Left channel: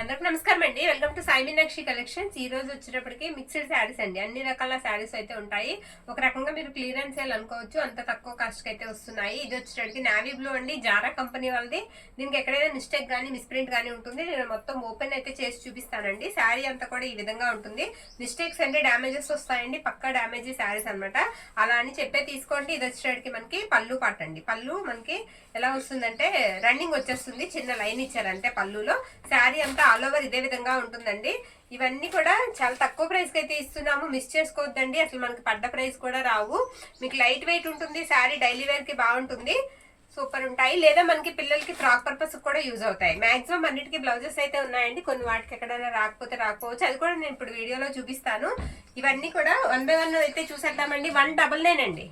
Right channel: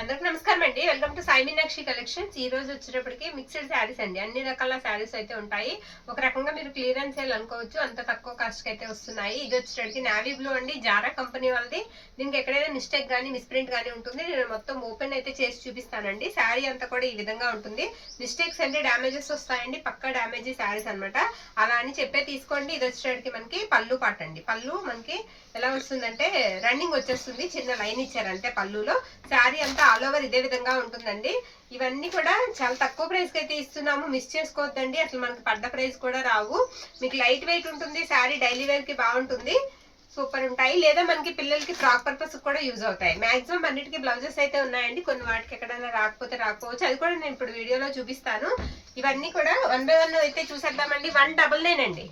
అందరికి నమస్కారం అండి. Welcome to Sai Meenakshi collections. ఈ రోజు వచ్చేటప్పటికి మిక్స్డ్ శారీస్ అండి. అన్ని రకాల శారీస్ అయితే ఉంటాయి. ఒక రకంగా మీరు క్లియరెన్స్ సేల్ అనుకోవచ్చు, అంత తక్కువ కాస్ట్ కి అయితే వస్తున్నాయి. ఇది వచ్చేటప్పటికి నావీ బ్లూ అండి, జారా కంపెనీ వాళ్ళది. దీనికి ఎక్కడైనా మిస్టేక్ కానీ మిస్ప్రింట్ కానీ ఉంటుంది. నేను మొత్తం ఓపెన్ అయితే చేసి చూపిస్తానండి. శారీ అంతా కూడా ఈ విధంగా ఉంటుంది. మిస్టేక్స్ అంటే డ్యామేజెస్ వస్తాయండి, పక్కా డ్యామేజ్ శారీస్ అనమాట. అలా అని చెప్పే తీసుకోండి. ఇది వచ్చేటప్పటికి మనకి పళ్ళు పాట అండి. పళ్ళు మనకి ఎలా వస్తుందంటే రన్నింగ్ వచ్చేస్తుంది, చిన్న లైన్ ఇచ్చారంటే పళ్ళులో. శారీ అంతా ఆల్ ఓవర్ ఇదే విధంగా ఉంటుందండి. ఇవన్నీ కూడా చాలా తక్కువ ప్రైస్ కి అయితే ఇస్తున్నాము, మిస్ చేసుకోవద్దండి. అసలు మనకి పడ్డ ప్రైస్ కూడా రావు. మీకు లైట్ వెయిట్ ఉంటుంది, శారీ డైలీ వేర్ కి బాగుంటుంది, సూపర్ ఉంటాయి. లేదా మనకి పిల్లలకి ఫ్రాక్ పర్పస్ కూడా యూజ్ అవుతాయి. మాక్సిమం అన్నిటికీ బ్లౌజెస్ అయితే ఉన్నాయండి. కొన్ని వాటికి ఎక్కడైనా రాకపోవచ్చు, అది కూడా నేను ఇప్పుడు వీడియోలో చూపిస్తాను. ఇవన్నీ కూడా 1 by 1 అయితే చూసేద్దామండి. 199 అండి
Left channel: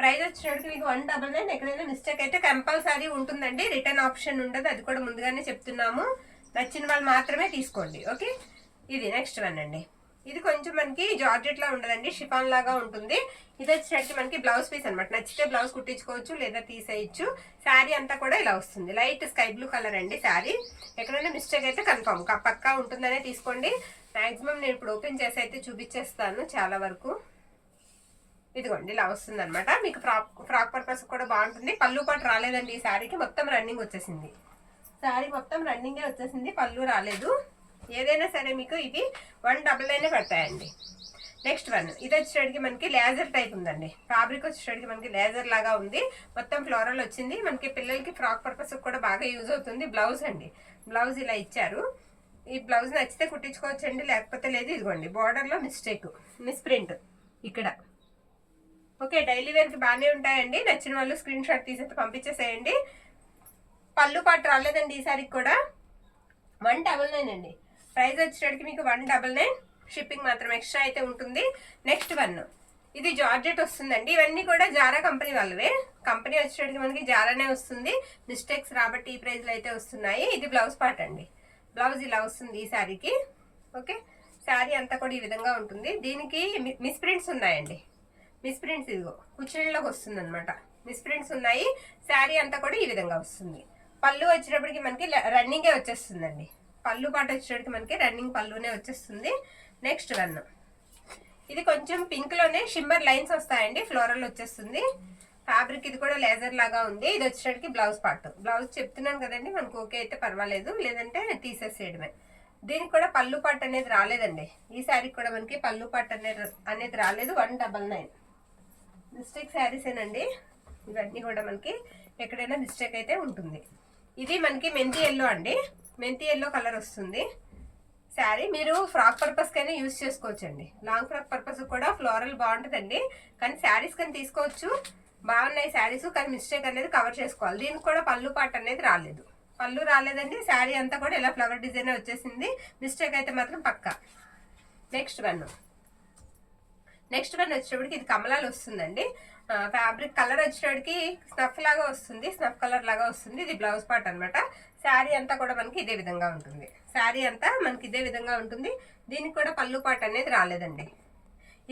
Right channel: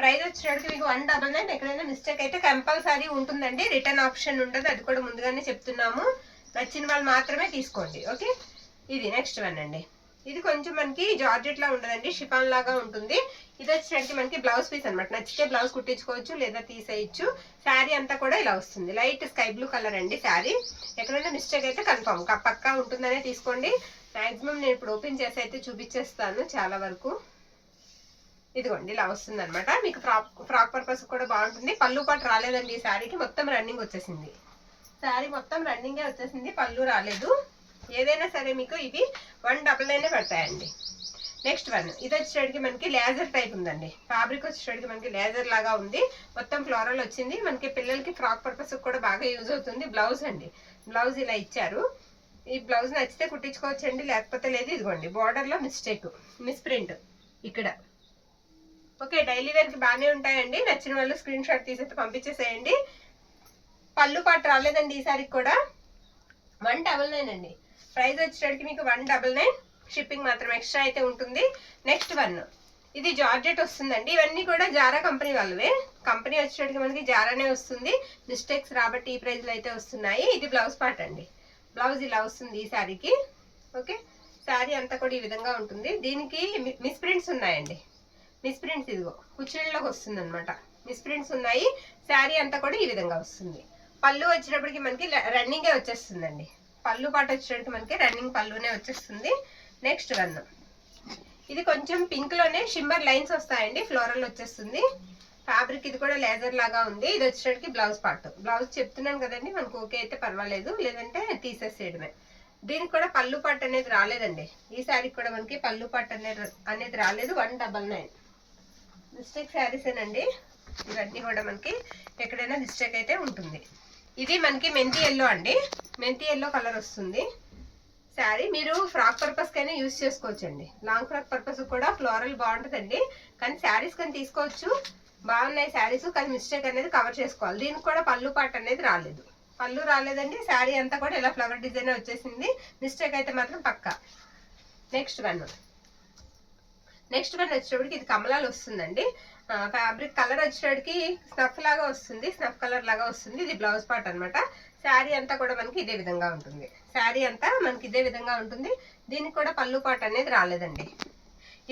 ప్రైస్ వచ్చినట్టు. మీకు 199. ఎక్కడైనా మిస్టేక్ అయితే కంపల్సరీ ఉంటుందండి, రిటర్న్ ఆప్షన్ ఉండదు, అది కూడా ముందుగానే చెప్తున్నాము. నచ్చిన వాళ్ళు మాత్రమే తీసుకోండి, ఓకే. ఇది నెక్స్ట్ వన్ అండి. ఇది కొంచెం మనకి జార్జెట్ లా ఉండదండి, షిఫాన్ లాగా ఉంటుంది. ఇది వచ్చేసరికి మనకి బ్లౌజ్ పీస్ అనమాట. నచ్చితే బ్లౌజ్ కుట్టించుకోవచ్చు లేదా తీసేయచ్చు. శారీ అంతా కూడా ఇలా వస్తుంది. లైట్ స్కై బ్లూ కలర్ అండి శారీ. ఎక్కడైనా మిస్టేక్ అయితే కన్ఫర్మ్ పక్కా ఉంటుందనే తీసుకోండి. మాక్సిమం నేను ఇప్పుడు ఓపెన్ చేసి అయితే చూపించేస్తాను చాలా వరకు. ఇదిగోండి ఇలా వస్తుంది అనమాట. మీకు ఫ్రాక్ పర్పస్ కూడా బాగుంటుంది. పళ్ళు పాటు రాలేదండి ఈ శారీకి, మొత్తం రన్నింగ్ వచ్చేసింది. శారీ మొత్తం రన్నింగే వచ్చేసింది, పళ్ళు రాలేదు. ఏదైనా సరే మీకు ఇవి 199 పడతాయండి. నెక్స్ట్ వన్, ఇది వచ్చేటికి మనకి లేజర్ టైప్ ఉందండి. ఫ్యాబ్రిక్ వచ్చేటికి మనకి లేజర్ లాగా ఉంది, మొత్తం ఫ్లోరల్ వచ్చింది. మనకి పిల్లలకి ఫ్రాక్ పర్పస్ కూడా బాగా యూజ్ అవుతుంది. బ్లౌజ్ అండి, బ్లౌజ్ ఇలా ఇచ్చారు. ఈ బ్లౌజ్ నచ్చితే కుట్టించుకోవచ్చండి, లేకపోతే లేదు. ఇదిగోండి బార్డర్లో మిస్ప్రింట్ ఇక్కడ, ఓకే. డైలీ వేర్కి బాగానే ఉంటాయండి. నచ్చిన వాళ్ళు స్క్రీన్ షాట్ తీసి పంపించేసేయండి. పళ్ళు పాటు రాలేదండి ఈ సారికి కూడా. 199 అండి ప్రైస్ వచ్చేటికి మీకు. 199 షిప్పింగ్ మాత్రం ఎక్స్ట్రా అయితే ఉంటుంది. నెక్స్ట్ వన్, ఇది జార్జెట్ వస్తుందండి. ఇవన్నీ కూడా జారా కంపెనీ వాళ్ళవే. కంపెనీ వచ్చేటికి మనకి జారానే వస్తుంది, మిస్టేక్స్ రాబట్టి ఈ ప్రైస్లో అయితే వస్తున్నాయి. ఇది బ్లౌజ్ పార్ట్ అండి. బ్లౌజ్ ఇలా వస్తుంది ఈ శారీకి, ఓకే. శారీ అంతా కూడా ఈ విధంగా ఉంటుంది. దీనికి మిస్ప్రింట్స్ ఉన్నాయండి. మిస్ప్రింట్స్ ఇదిగో కుచ్చిళ్ళలోకి వస్తుంది అనమాట. మిస్ప్రింట్స్ ఉన్నాయి. శారీ అంతా కూడా ఈ విధంగా వస్తుంది. పళ్ళు వచ్చేటప్పటికి మనకి రన్నింగే వచ్చేస్తుందండి. పళ్ళు పాట వచ్చేటప్పటికి మనకి రన్నింగ్ పళ్ళునే వచ్చేస్తుంది. నెక్స్ట్ వన్, ఇది కొంచెం పింక్ లోనే షిమ్మర్ లైన్స్ వస్తాయండి, ఫ్లోరల్ వచ్చేస్తుంది. ఫ్యాబ్రిక్ ఇది కూడా లేజర్ లాగా ఉంది. ఇది వచ్చేటప్పటికి బ్లౌజ్ పార్ట్. బ్లౌజ్ చెప్తున్నాను కదండి, మనకు ఓకే అయితే పర్వాలేదు, లేదంటే తీసేసేయడమే. దీనికి కూడా పళ్ళు పాట్ అనేది రాలేదండి. ఈ శారీకి కూడా మనకి పళ్ళు పాట్ అనేది రాలేదు. 199. మిస్టేక్ శారీసేనండి ఇవన్నీ కూడా. మనకి ఎక్కడైనా మిస్టేక్ అయితే ఉంటుంది. ఇది మనకి మెంతి ఎల్లో అండి, మెంతి ఎల్లో కలర్ వస్తుంది శారీ. మీరు ఫ్రాక్ పర్పస్ కైనా యూజ్ చేసుకోవచ్చండి. లాంగ్ ఫ్రాక్ పర్పస్ కూడా ఫ్లోరల్ బాగుంటుందండి. కానీ శారీస్ కానీ తీసుకోవచ్చు, బాగున్నాయి శారీస్. కానీ మిస్టేక్ అనేది కవర్ చేసుకోవాలి. దీనికి కూడా పళ్ళు పాట్ అనేది రాలేదు, పళ్ళు రాలేదండి. శారీ అంతా కూడా ఇలా ఫ్లవర్ డిజైన్ వచ్చేసింది. మిస్టేక్ అయితే మాత్రం పక్కా. నెక్స్ట్ వన్ వచ్చేటప్పటికి ఇది కమలాలు వస్తుందండి. ఫ్యాబ్రిక్ కలర్ వచ్చేటప్పటికి స్నఫ్ లాగా వస్తుంది, స్నఫ్ కలర్ లాగా వస్తుంది. ఇది బ్లౌజ్ పార్ట్ అనమాట. శారీ అంతా కూడా మనకి ఇదే విధంగా ఉంటుంది. శారీ అంతా మనకి ఇదే విధంగా ఉంటుంది. దీనికి కూడా పళ్ళు పార్ట్ అనేది రాలేదండి.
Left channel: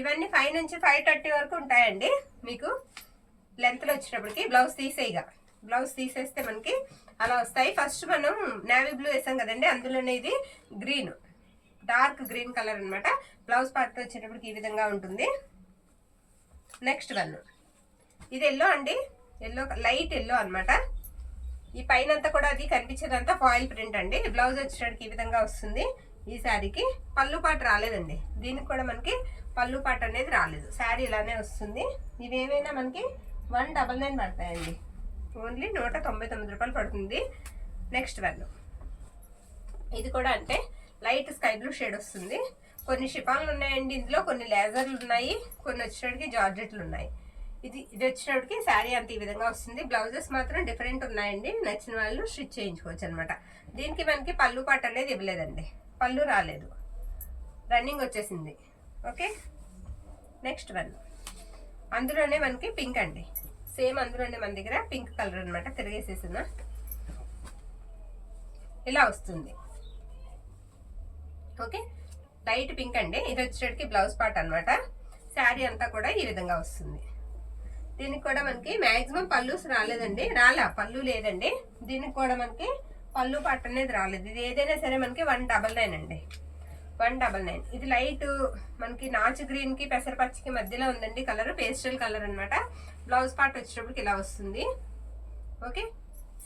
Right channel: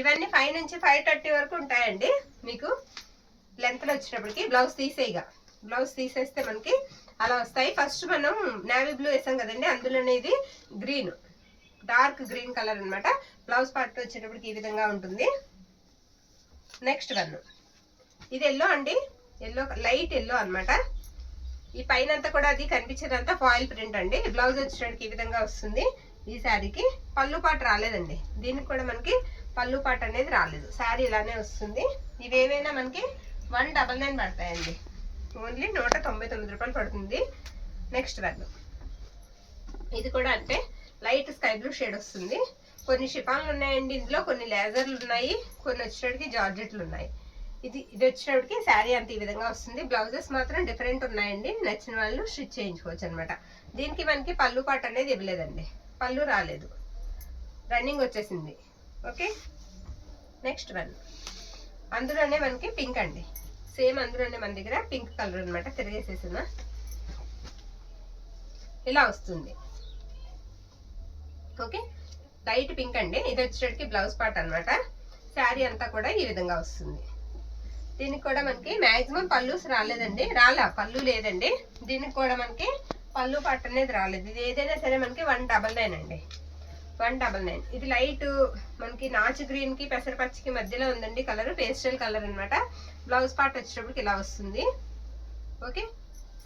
ఇవన్నీ 5 నుంచి 530 వరకు ఉంటాయండి మీకు లెంత్లో వచ్చేటప్పటికి. బ్లౌజ్ తీసేస్తే మనకి అలా వస్తాయి. ఫస్ట్ మనం నేవీ బ్లూ వేసాం కదండి, అందులోనే ఇది గ్రీన్, డార్క్ గ్రీన్ కలర్ అనమాట. బ్లౌజ్ పార్ట్ వచ్చేటప్పటికి ఈ విధంగా ఉంటుంది. నెక్స్ట్ వన్, ఇది ఎల్లో అండి, ఎల్లో లైట్ ఎల్లో అనమాట. ఈ పైన అంతా కూడా అది కనిపించేదంతా ఫాయిల్ ప్రింట్ అండి. బ్లౌజ్ వచ్చేటప్పటికి ఈ విధంగా వస్తుంది. ఈ శారీకి పళ్ళు పాటు రాలేదండి. దీనికి కూడా మనకి పళ్ళు పాటు అనేది రాలేదు. శారీ ఇలానే వస్తుంది. ఇవేవైనా మనకి 199 పడతాయండి. ఓన్లీ 199 రూపాయలు పడుతుంది. నెక్స్ట్ వన్, ఇది కూడా అంటే లైట్ స్కై బ్లూ షేడ్ వస్తుంది. కొన్ని షిఫాన్లు ఉన్నాయండి ఇందులో, కొన్ని లేజర్లు ఉన్నాయి, కొన్ని వచ్చేటికి జార్జెట్లు ఉన్నాయి. ఇది వచ్చేటికి శారీ అంత ఈ విధంగా వస్తుంది. బ్లౌజెస్ మాత్రం డిఫరెంట్ ఉన్నాయండి, నచ్చిన వాళ్ళు స్టిచ్ చేయించుకోవచ్చు అనమాట. దీనికి మనకి పళ్ళు పాటు అనేది ఇవ్వలేదండి, పళ్ళు రాలేదు, రన్నింగ్ వచ్చేసింది, ఓకే. నెక్స్ట్ వన్, అందులోనే మనకి పింక్ అండి, సేమ్ అందులోనే మన దగ్గర పింక్ కలర్ అనమాట. తిరిగేసేసిన ఇలా వస్తుంది, ఓకే. లైట్ పింక్ అండి. ఇది వచ్చేటికి బ్లౌజ్ పార్ట్ అనమాట. శారీ అంతా కూడా ఈ విధంగా వస్తుంది. దీనికి కూడా మనకి మాక్సిమం పళ్ళుస్ రాలేదండి, పళ్ళు లేదండి. దీనికి కూడా మనకి పళ్ళు పార్ట్ అనేది రాలేదు. ఇది ఏదైనా సరే మనకి 199 అండి, 199. ఇది లైట్ మనకి నాచు గ్రీన్ కి పెసరపచ్చికి మధ్యలో ఉందండి కలర్, పేస్టల్ కలర్ అనమాట. బ్లౌజ్ పార్ట్ వచ్చేటప్పటికి ఇలా వస్తుంది. ఓకే,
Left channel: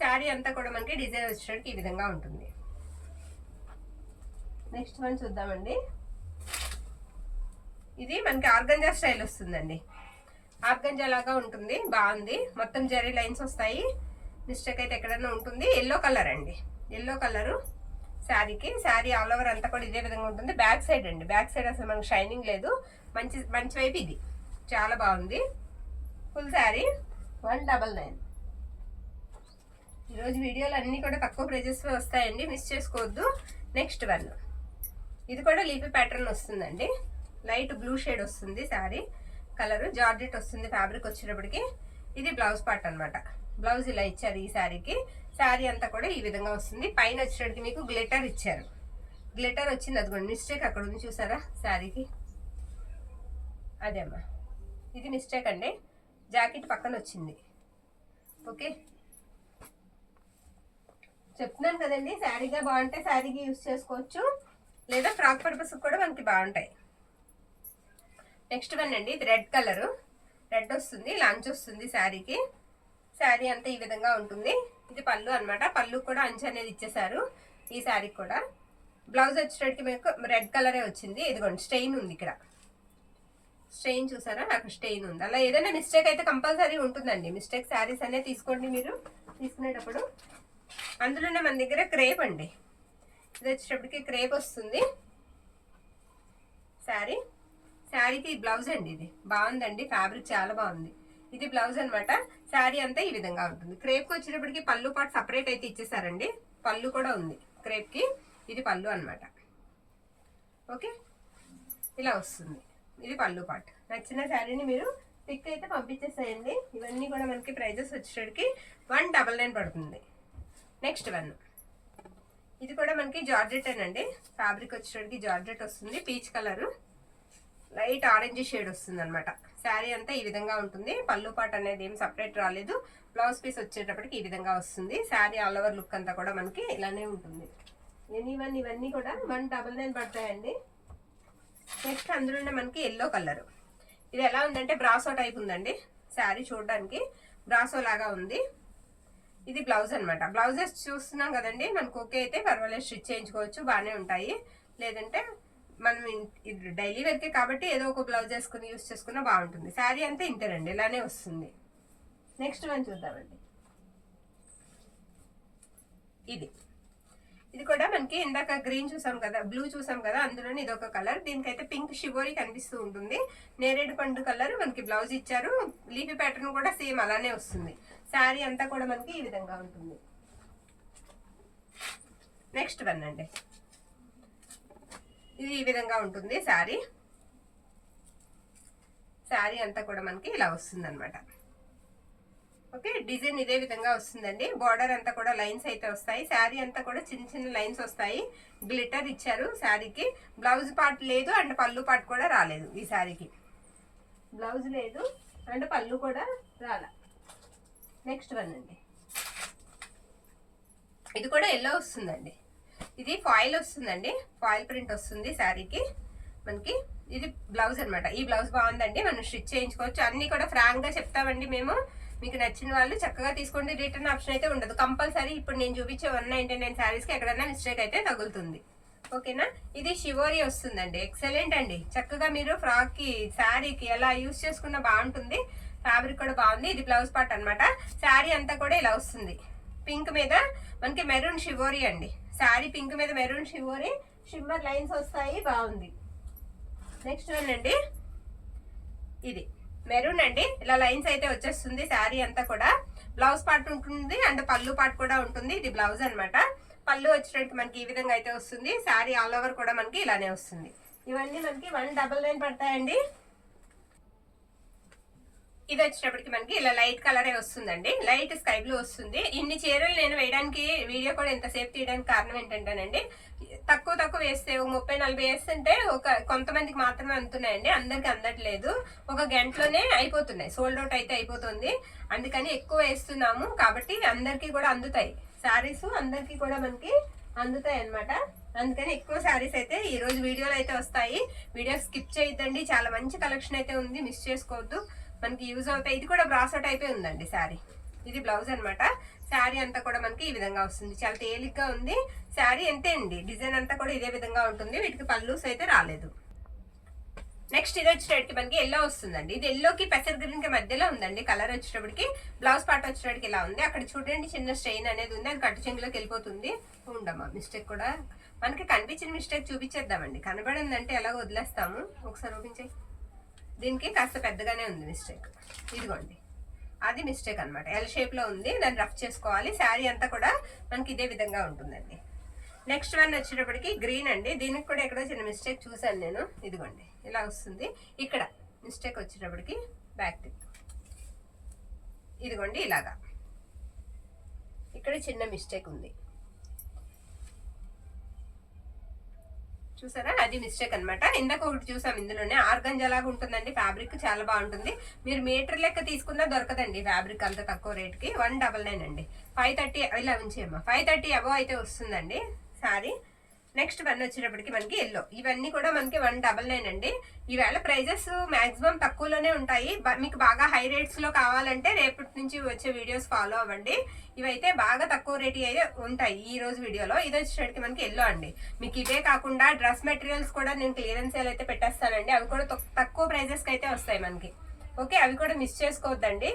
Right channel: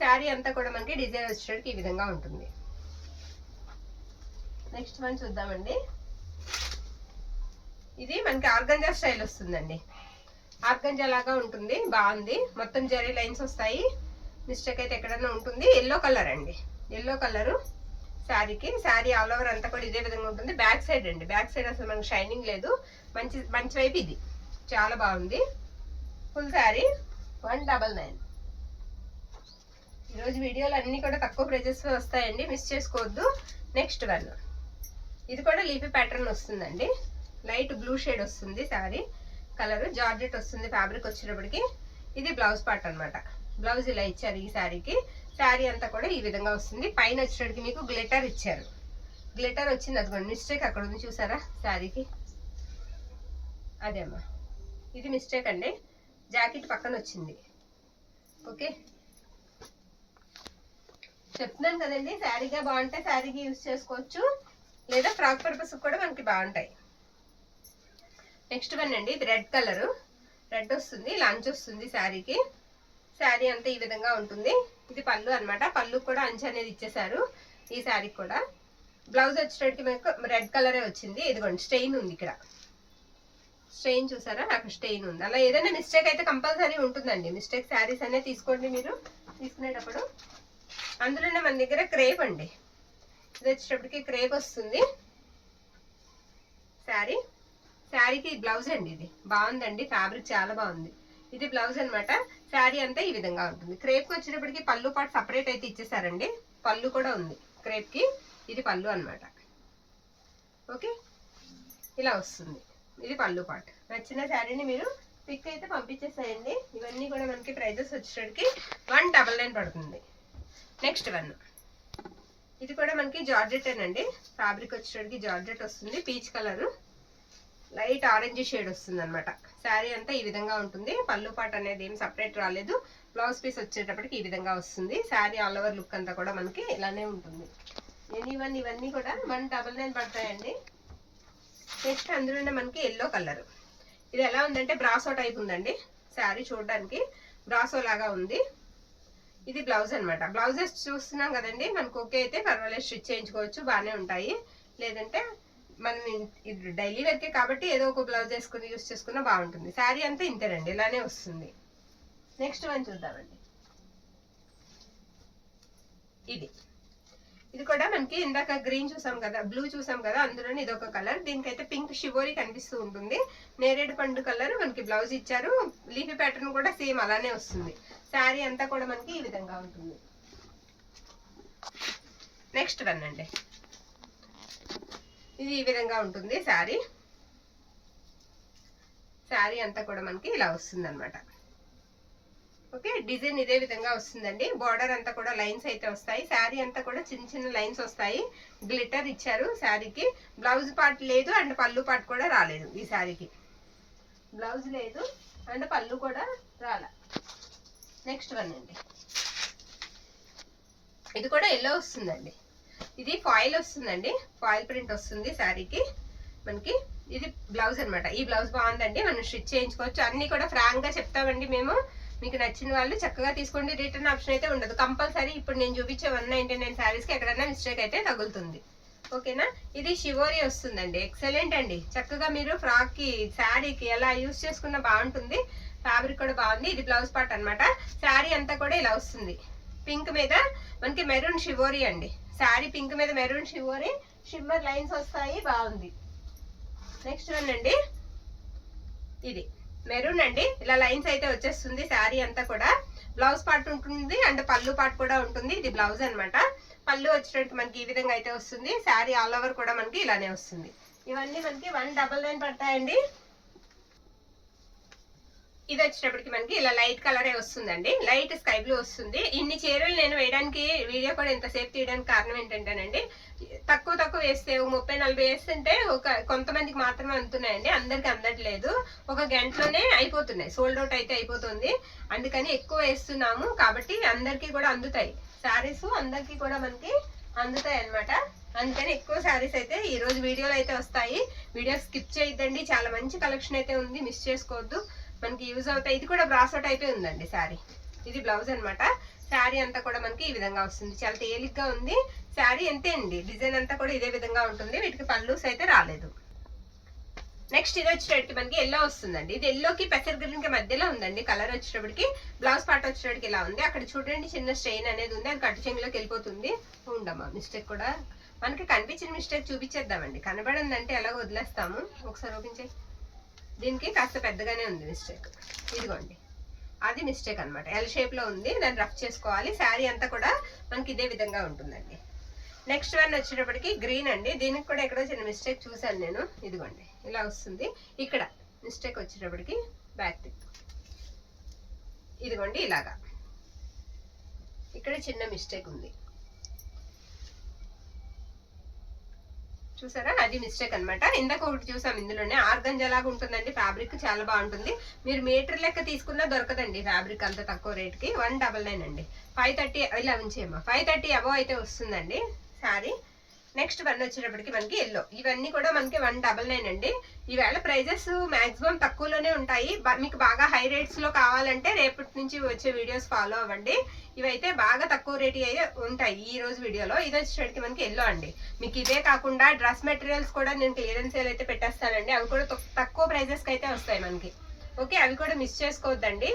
శారీ అంతా కూడా మనకి డిజైన్ వచ్చేటప్పటికి ఈ విధంగా ఉంటుంది. నెక్స్ట్ వన్ చూద్దామండి. ఇది మనకి ఆర్గంజా స్టైల్ వస్తుందండి, ఆర్గంజా లాగా ఉంటుంది, బాగుంది. మొత్తం జరీ లైన్స్ వస్తాయి, మిస్టేక్ అయితే ఎక్కడన్నా ఉంటుంది. ఎల్లో కలర్ అండి, ఎల్లో కలరు శారీకి. శారీ ఆల్ ఓవర్ అంతా కూడా ఇదే విధంగా ఉంటుంది. బ్యాక్ సైడ్ అండి, బ్యాక్ సైడ్ అసలు మనకు షైనింగ్ లేదు, మంచి మంచి వైపు ఇది, చాలా బాగుంది. ఫుల్ శారీ 199. ఈరోజు వీడియోలు అన్నీ కూడా తక్కువ ప్రైజెస్ వస్తాయండి, మిస్ చేసుకోవద్దు. నెక్స్ట్ వన్, ఇది కూడా లీఫీ ప్యాటర్న్ వస్తుందండి, లైట్ బ్లూ షేడ్ వస్తుంది శారీ కలర్, జార్జెట్ వస్తుంది ఫ్యాబ్రిక్ వచ్చేటప్పటికి. ఇది బ్లౌజ్ పార్ట్ అనమాట, బ్లౌజ్ ఇలా ఇచ్చారు ఈ శారీకి. శారీ అంతా కూడా ఈ విధంగా వస్తుంది. పైన వచ్చేటప్పటికి మీకు గ్లిటర్ ఇచ్చారు, గ్లిటర్ వచ్చింది, అదిగోండి మిస్టేక్ అక్కడ ఉంది చూసారా శారీకి, అదేమ్మా ఇది మిస్టేక్ అండి, జాకెట్ పక్కన వచ్చింది. ఓకే, చెప్తున్నాను కదండి, శారీగా బాగుంటే శారీకి యూజ్ చేసుకోవచ్చు, లేదా ఫ్రాక్ పర్పస్ కూడా మనకి బాగుంటాయి. నెక్స్ట్ వన్ అండి, ఇది రెడ్ కలరు, రెడ్ వస్తుంది, లంచ్ వస్తుంది శారీకి. శారీ అంతా ఈ విధంగా ఉంటుంది. ఇది పళ్ళు అనమాట, పళ్ళు కూడా అంచు అనేది ఇచ్చేసారు ఈ శారీకి కూడా. బ్లౌజ్ వచ్చేటప్పటికి మీకు రెడ్ కలరే వచ్చింది. ఇదిగోండి స్టెయిన్ ఉంది ఇక్కడ, స్టెయిన్ చూసారా, అక్కడ స్టెయిన్ ఉంది. అలా ఏదైనా మిస్టేక్ అయితే కంపల్సరీ ఉంటుందండి. మిస్టేక్ శారీస్ అనేది తీసుకోండి మీరు తీసుకునేటప్పుడు. అందులోనే మన దగ్గర క్రేప్ అండి, ఇది వచ్చేటప్పటికి క్రేప్ వస్తుంది శారీ. శారీకి బ్లౌజ్ అండి, ఇది బాగుందండి, ఫ్యాబ్రిక్ చాలా బాగుంది. ఇది బ్లౌజ్ అనమాట. శారీ అంతా ఈ విధంగా ఉంటుంది. క్రేప్కి వచ్చేటప్పటికి పళ్ళు పాటు సపరేట్ అయితే ఇచ్చేసారండి, పళ్ళు కూడా ఉంది క్రేప్కి. ఇది పళ్ళు అనమాట. ఓకే, ఇలా వస్తుంది, ఇది పళ్ళు పాటు. నచ్చిన శారీని మీరు పిక్ అయితే పంపించేసేయండి. ఇవన్నీ కూడా మనకి ప్రైజెస్ వచ్చేటప్పటికి 199 పడుతుంది. నెక్స్ట్ వన్, ఇది కూడా మనకి జార్జెట్ అండి, ఫ్యాబ్రిక్ వచ్చేటప్పటికి జార్జెట్ వస్తుంది, peach colour, light orange shade వస్తుంది అనమాట. శారీ అంతా ఈ విధంగా ఉంటుంది. పళ్ళు పాట అనేది ఏం సపరేట్ రాలేదు. బ్లౌజ్ పీస్ వచ్చేటప్పటికి ఈ విధంగా వస్తుంది. శారీ ఆల్ ఓవర్ లుక్ అంతా కూడా మనకి ఇలానే ఉంటుంది. ఇవన్నీ కూడా 199 పడతాయండి. నెక్స్ట్ అందులోనే మనకి ఎల్లో కలర్, ఇది ఎలా ఉందంటే బ్రాసో టైప్ ఉందండి శారీ, చూడడానికి బ్రాసో లాగా ఉంది. ఇది బ్లౌజ్ అనమాట. బ్లౌజెస్ చూస్తున్నాం కదండి, మనకు ఓకే అయితే పర్వాలేదు, స్టిచ్ చేయించుకోవచ్చు, బాగానే ఉంటాయి. లేదంటే మనం ఇది డైలీ వేర్కే కాబట్టి ఏదో ఒక బ్లౌజ్ వేసుకుని యూస్ చేసుకున్నా బాగుంటుంది. శారీ అంతా ఇంతేనండి, ఇలానే వస్తుంది. నెక్స్ట్ వన్ చూద్దామండి. ఇది కూడా మనకి ఇందాక గ్రీన్ చూసాం కదా, బ్లూ చూసాం కదా, అందులోనే ఇది ఒక కలర్. దీనికైతే పింక్ షివోరీ కనిపిస్తూ ఉంటుంది. నేరేడు పండు కలర్ మనకి బ్లౌజ్ ఇచ్చారు. లీఫీ ప్యాటర్న్ కూడా సేమ్ అలానే వస్తుంది. శారీ అంతా కూడా మనకి ఈ విధంగా ఉంటుంది. నెక్స్ట్ వన్ అండి, ఇది ఈ విధంగా ఉంటుంది శారీ. శారీ అంతా కూడా మనకి ఇలా వస్తుంది అనమాట. ఓకే, డిజైన్ ఇదే విధంగా వస్తుందండి. బార్డర్ అంతా కూడా లైన్స్ అయితే వస్తాయి. శారీ అంతా కూడా చిన్న చిన్న లైన్స్ వస్తాయి. గ్లిటర్ ఇచ్చారు శారీకి. బ్లౌజ్ పార్ట్ లేదు అండ్ పళ్ళు పార్ట్ కూడా రాలేదు ఈ శారీకి. బ్లౌజ్ లేదు అండ్ పళ్ళు కూడా రాలే. నెక్స్ట్ వన్ అండి, ఇది కూడా ఎల్లో వస్తుందండి. ఇది ఫాయిల్ వస్తుందండి, ఫాయిల్ ప్రింట్ వస్తుంది శారీకి మనకి. ఇది బ్లౌజ్ అనమాట. ఈ బ్లౌజ్ బాగుందండి, మనం స్టిచ్ చేయించుకోవచ్చు. అన్ని కూడా ఫ్రాంక్ గా చెప్తామండి మేము. మీకు నచ్చిన వాళ్ళు చక్కగా తీసుకోండి. రిటర్న్ ఆప్షన్ అయితే ఉండదు కంపల్సరీ. ఇప్పుడు నేను చూపించే 199 శారీస్కి ఎక్కడన్నా మిస్టేక్ అయితే తగులుతుంది. ఓకేనా, ఇది షివోరీ వస్తుందండి. ఎక్సలెంట్ అండి, చక్కగా మీరు ఫ్రాక్కి శారీకి ఎలా యూస్ చేసుకున్నా బాగుంటుంది. ఫ్యాబ్రిక్ కూడా బాగుంది. ఇది బ్లౌజ్ పార్ట్ అనమాట. శారీ అంతా కూడా ఇలా వస్తుంది. పింక్ మీద మనకి మెరూన్ షివోరీ అండి. శారీ పింక్ మీద మెరూన్ షివోరీ, షిమ్మర్ లైన్స్ వస్తాయి, బాగుంది. నెక్స్ట్ వన్ అండి, ఇది మెరూన్ అండి. ఇలా లైన్స్ అయితే వచ్చేస్తుంది శారీ అంతా కూడా. బ్లౌజ్ పార్ట్ ఉంటుంది అండ్ పళ్ళు పార్ట్ కూడా ఉంటుంది. ఇది బ్లౌజ్ అనమాట. పళ్ళు వచ్చేటట్టు మనకి ఈ విధంగా అయితే వస్తుంది. శారీ ఆల్ ఓవర్ కూడా మనకి ఇలానే వస్తుంది. ఇవన్నీ మనకి 199 పడతాయండి. ఇది వచ్చేటప్పటికి మనకి ఇలా లైట్ కలరే వస్తుందండి, లైట్ స్కై బ్లూ వస్తుంది. ఇన్ని చీరలు నేను వేయడానికి, వీడియో కూడా ఎంతసేపు తీయడానికి కారణం ఏంటంటేనండి, తక్కువ వేస్తే 30-40 వేస్తుంటే కొంతమందికి మాత్రమే అందుతున్నాయండి, అందరికి అందట్లేదు. ఒక గంటలోనే అయిపోతున్నాయి, సోల్డ్ అవుట్ అయితే అయిపోతుంది. అందుకని ఎక్కువ వేస్తున్నాము కాబట్టి అందరికీ కూడా అందుతాయి. శారీస్ అందరికి కూడా మనకి అందుతాయి అన్నమాట. అందుకని ఎక్కువ శారీస్ అయితే ఈ రోజు వీడియోలో అయితే వస్తాయి. వీడియో స్కిప్ చేయొద్దండి, చాలా మంచి కలెక్షన్ అయితే ఉంది, మిస్ చేసుకోవద్దు, మనకి యూజ్ అవుతాయి. ఇది కూడా బ్రాసో టైపే ఉందండి శారీ. ఇది బ్లౌజ్ అన్నమాట. శారీ అంతా కూడా మనకి ఈ విధంగా వస్తుంది, చాలా తేలిగ్గా ఉంది శారీ. అంతే అండి, డిజైన్ అంతా కూడా ఇదే విధంగా ఉంటుంది. వీటికి పళ్ళూస్ అయితే రాలేదు. నెక్స్ట్ ఇది వచ్చేటప్పటికి మనకి ఎల్లో వస్తుందండి. ఇది ఎల్లోకి పెసర్ గ్రీన్ కి మధ్యలో ఉందండి కలర్. వచ్చేటప్పటికి బ్లౌజ్ పార్ట్ వచ్చేటప్పటికి ఇలా ఉంది. అక్కడ చూడండి చిన్న స్ట్రెయిన్ అనేది ఉంది, అది కట్టు చెంగులోకి వెళ్ళిపోతుంది. ఉండమ్మా మిస్టేక్ కూడా మనకి కనిపించిన మిస్టేక్ చూపించేద్దామండి. కనబడిందంటే ఎలాగో వదిలేస్తాము. ఒకసారి ఓపెన్ చేయి. దీనికి కాస్త పెద్దగానే ఉంది మిస్టేక్. ఇదిగోండి అది మిస్టేక్ అనమాట. ఎల్ షేప్ లో ఉంది, దాన్ని రఫ్ చేసుకోవాలి. శారీ అంతా కూడా మనకి ఇదే విధంగా ఉంటుందండి. నెక్స్ట్ వన్ వచ్చేటప్పటికి గ్రీన్ అండి. దీనికి కూడా ఎక్కడో చిన్న మిస్టేక్ చూసాను నేను. ఇదిగోండి ఇలా వస్తుంది. ఇక్కడ మిస్టేక్ వచ్చేటప్పటికి బ్యాక్ టిప్. ఇదిగోండి ఇలాగా ఇక్కడ చిన్న మిస్టేక్ ఉంది, చూసారా? అది మిస్టేక్ అనమాట. ఇందాక ఒకటి చూసాం, ఇందులోనే ఆర్గంజా లాగా ఉంటుందండి ఫ్యాబ్రిక్, చాలా బాగుంటుంది. మీరు మీటర్ లెక్క తీసుకున్నా దొరకదండి ఫ్యాబ్రిక్ అంత తక్కువ రేట్కి. 199 అండి. 530 ఇలా ఉంచేయమ్మా. 530 అబో అయితే వస్తుందండి శారీ. నెక్స్ట్ వన్ వచ్చేటప్పటికి మనకి ఎల్లో. ఇవన్నీ కూడా మనకి 199 అండి. ఈవేళ ప్రైజెస్ మాక్సిమం తక్కువలోనే ఉంటాయి. మీకు బాగా హై రేట్స్ లో కావాలంటే రేపటి నుంచి వచ్చే వీడియోస్ ఫాలో అవ్వండి. ఇవైతే బాగా తక్కువ రేట్ అయితే ఉంటాయి ఈ రోజు వీడియోలో. ఇది వచ్చేటప్పటికి మనకి ఎల్లో అండి. మీకు ఇవే కాకుండా డ్రెస్ మెటీరియల్స్ కూడా నేను క్లియరెన్స్ సేల్ అయితే పెట్టేస్తానండి. అవి కూడా తక్కువ ప్రైజెస్ కి అయితే వస్తాయి మనకి. ఓకే, అవి కూడా మిస్ చేసుకోవద్దండి,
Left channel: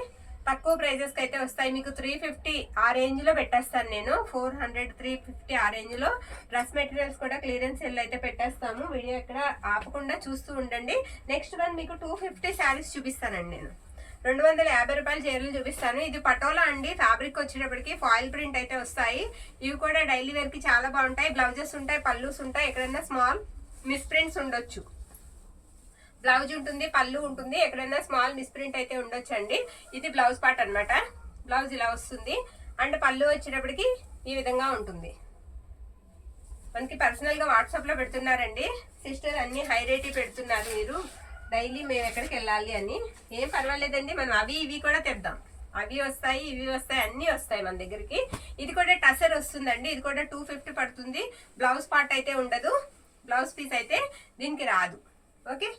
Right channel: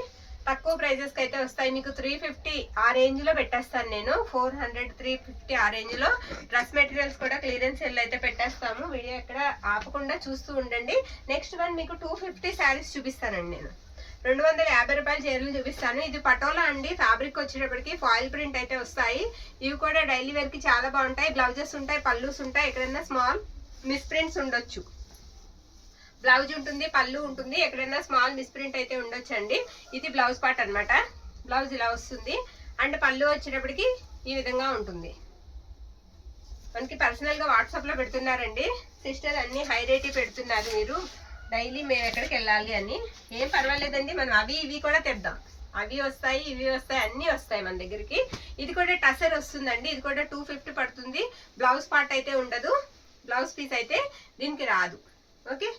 తక్కువ ప్రైజెస్ కి అయితే వస్తాయి. మీకు 350 ఆ రేంజ్ లో పెట్టేస్తాను నేను. 400 350 ఆ రేంజ్ లో డ్రెస్ మెటీరియల్స్ కూడా క్లియరెన్స్ సెల్ అయితే పెట్టేస్తాము. వీడియో ఎక్కడ ఆపకుండా చూస్తూ ఉండండి. నెక్స్ట్ వన్ మీకు 250 శారీస్ చూపిస్తానండి నేను. 250 రూపాయల చీరలు చూపిస్తాను. ఇది పటోలా అండి. ఫ్యాబ్రిక్ వచ్చేటప్పటికి ఫాయిల్ ప్రింట్ అయితే వస్తాయి. ఇవి కూడా డైలీ వేర్ కి చాలా బాగుంటాయి. బ్లౌజెస్ ఉంటాయి, పళ్ళూస్ ఉంటాయి. ఎక్కడైనా స్మాల్ మిస్ ప్రింట్స్ ఉండొచ్చు. బ్లౌజ్ ఉంటుంది, పళ్ళు ఉంటుంది, ఎక్కడైనా స్మాల్ మిస్ప్రింట్ అయితే ఉండొచ్చండి. ఇది బ్లౌజ్ పార్ట్ అనమాట. బ్లౌజ్ ఇలా వస్తుంది. అండ్ పళ్ళు వచ్చేటప్పటికి ఈ విధంగా ఉంటుంది. మనకి పర్సనల్ గా వాట్సాప్ లో పెడుతున్నారండి సిస్టర్, అన్ని హై రేట్ పెడుతున్నారు మీరు, డైలీ మేము ఎక్కడికి వెళ్ళాలి అని. ఏం పర్వాలేదండి, మనం అవి ఇవి కూడా తెద్దాం. అవి వస్తాయి, ఇవి వస్తాయి, అన్ని వస్తాయి మన దగ్గరికి. ఇది కూడా టసర్ వస్తుందండి. ఇది కూడా 250 పడుతుంది. బ్లౌజ్ పార్ట్ అయితే ఉండదు, బ్లౌజ్ పీస్ అయితే దీనికి రాదు. ఓకే,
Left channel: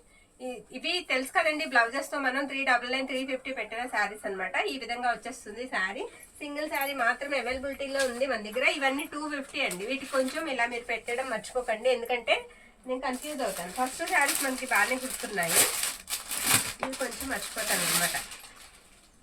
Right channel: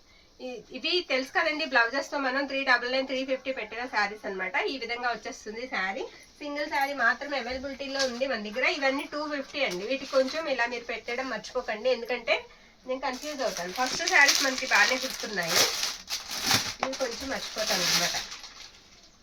ఇవి తెలుసు కదండి, బ్లౌజెస్ తో మనం 399 350 పెట్టిన శారీస్ అనమాట. ఈ విధంగా వచ్చేస్తుంది శారీ. సింగిల్ శారీ మాత్రమే అవైలబిలిటీలో ఉంది మన దగ్గర. ఇవన్నీ 250 అండి. వీటికి కొంచెం ఇలా మీరు పెట్టడం మర్చిపోకండి, ఎందుకంటే నేను కన్ఫ్యూజ్ అవుతాను. ఫస్ట్ శారీస్ మనకి బాగానే గుర్తున్నాయి, ఇవి కొంచెం మర్చిపోతాను అనమాట.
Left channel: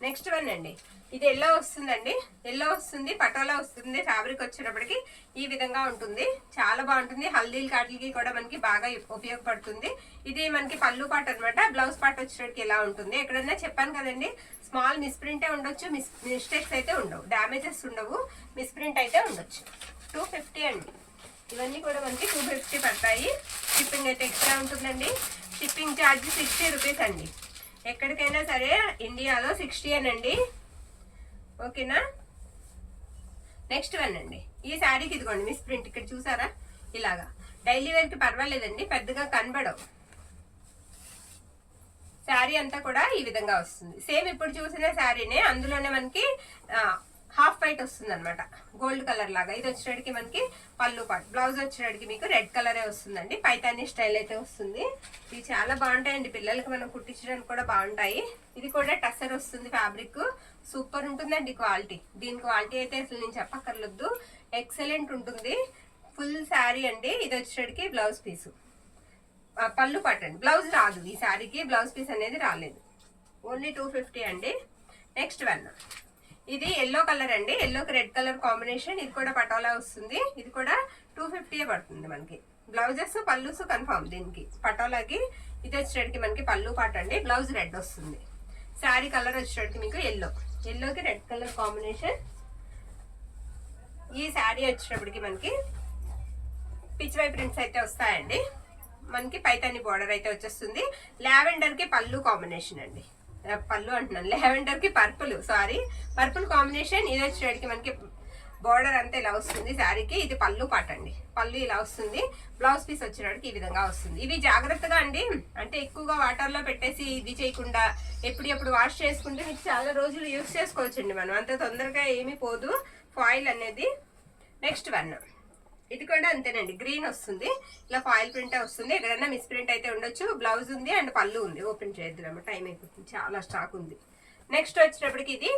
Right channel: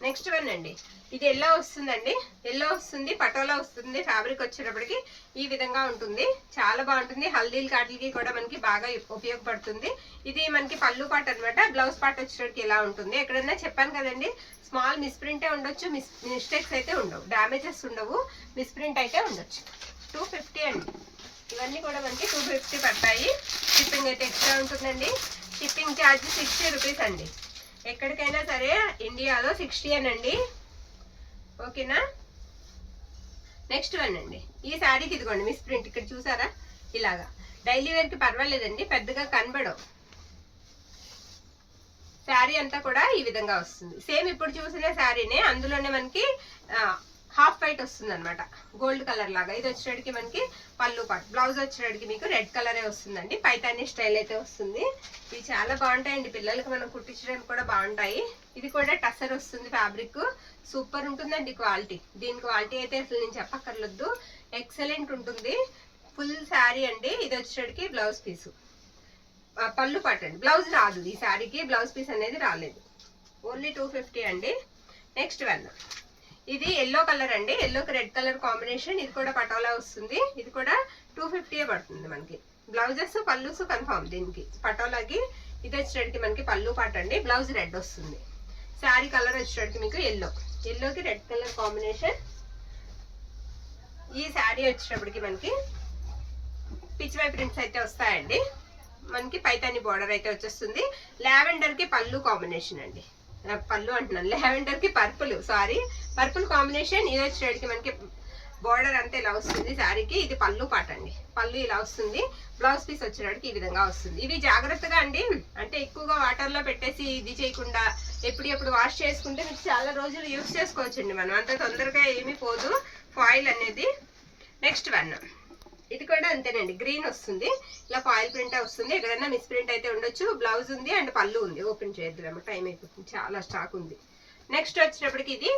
నెక్స్ట్ వన్ అండి, ఇది ఎల్లో వస్తుందండి. ఎల్లో వస్తుంది, పటోలా వస్తుంది. ఫ్యాబ్రిక్ వచ్చేటప్పటికి ఈ విధంగా ఉంటుంది, చాలా బాగుంటుంది. హల్దీల కాటికి కూడా మనకి బాగా ఉపయోగపడుతుంది. ఇది మనకి పళ్ళు పార్ట్ అనమాట. బ్లౌజ్ పార్ట్ వచ్చేటప్పటికి ఇలా ఉంటుంది. ఎక్కడన్నా చెప్పాను కదండి, స్మాల్ మిస్ప్రింటే ఉండొచ్చు, మిస్టేక్స్ అయితే ఉండవు, డ్యామేజెస్ ఉండవు, మిస్ప్రింట్ అయితే ఉండొచ్చు. 250 అండి. ఇవన్నీ కూడా మనకి 250 పడతాయి. షిప్పింగ్ అయితే ఎక్స్ట్రా ఉంటుందండి. షిప్పింగ్ ఛార్జ్ 60 రూపీస్ అండి. ఎక్కడికైనా సరే ఇండియాలో 60 అనండి. ఓకేనా? నెక్స్ట్ వన్ అండి, ఈ శారీకి ఇదిగోండి మిస్ ప్రింట్. ఇక్కడ చూసారా, ఇలాగా డైలీ వేర్ కి పర్వాలేదండి, పెద్దగా కనబడవు. శారీ అంతా కూడా ఈ విధంగా వస్తుంది. సేమ్ ఇప్పుడు చూసిన శారీనే, అందులోనే మనకి హాఫ్ వైట్ వస్తుంది అనమాట, గోల్డ్ కలర్ లాగా. ఇది వచ్చేటికి మనకి పళ్ళు పాటు. బ్లౌజ్ వచ్చేటికి మీకు రెడ్ కలరే వస్తుందండి. పైతానీ స్టైల్ అయితే వస్తుంది. ఇవి చాలా బాగుంటాయండి, పిల్లలకి మనం కుట్టించడానికి కూడా బాగుంటాయి. ఇది కూడా టసర్ వస్తుంది ఫ్యాబ్రిక్, సూపర్ ఉంటుందండి క్వాలిటీ. దీని క్వాలిటీ అయితే అసలు నేను చెప్పక్కర్లేదు, ఎక్సలెంట్ ఉంటుంది. ఫుల్ శారీ అండి. ఇది వచ్చేటికి బ్లౌజ్ పీసు, పళ్ళు పాటు అండి. బ్లౌజ్ రాదు ఈ శారీకి, బ్లౌజ్ పీస్ అనేది రాలేదు. ఓన్లీ 250 అండి. నెక్స్ట్ వన్, ఇది ఎల్లో కలర్ అండి. ఎల్లోకి రెడ్ కలర్ కాంబినేషన్. ఇది కూడా పటోలా వస్తుంది. ఇది కూడా 250 పడుతుంది మనకి. బ్లౌజెస్ పళ్ళుస్ కన్ఫర్మ్ దీనికి పటోలాకి. ఇది వచ్చేటికి మనకి పళ్ళు పాట అండి. బ్లౌజ్ రెడ్ వస్తుంది. శారీ కలర్ వచ్చేటికి మీకు ఎల్లో, ఎల్లోకి రెడ్ కలర్ కాంబినేషన్. ఈ శారీ వచ్చేటప్పటికి మనకి పిచ్ వై ప్రింట్స్ అయితే వస్తాయండి. మనకి పైతాని బార్డర్ అయితే వచ్చేస్తుంది. లావెండర్ కి పళ్ళు కాంబినేషన్ అండి. పళ్ళు అంటున్నాను, లావెండర్ కి పర్పుల్, సారీ పర్పుల్ కాంబినేషన్. ఇది వచ్చేటికి మనకి బార్డర్ అంతా ఇలా వస్తుంది శారీకి. ఇది పళ్ళు పాట అండి. పళ్ళు ఇలా వస్తుంది. బ్లౌజ్ పీస్ వచ్చేటికి ఈ విధంగా వస్తుంది. ఇవి జాగ్రత్తగా అండి, అంటే ఎక్కువగా వాటర్ లో పెట్టేసి ఇది చేయకుండా ఎప్పుడు వాష్ చేసుకుంటే మీకు చాలా రోజులు యూజ్ చేసుకోవచ్చండి. మనం అంత తొందరగా ఏమీ పోదు. ఫాయిల్ అనేది. నెక్స్ట్ వన్ ఇది కూడా అంతేనండి, గ్రీన్ వస్తుంది, ఇలా ఫాయిల్ ప్రింట్ వస్తుంది. ఎక్కడన్నా మిస్ ప్రింట్ అయితే ఉండొచ్చు. బ్లౌజ్ ఉంది అండ్ పళ్ళు ఉంది. ఓపెన్ చేద్దాము, టైం అయిపోతుంది, చాలా స్టాక్ ఉంది. నెక్స్ట్ వచ్చేటప్పటికి ఇది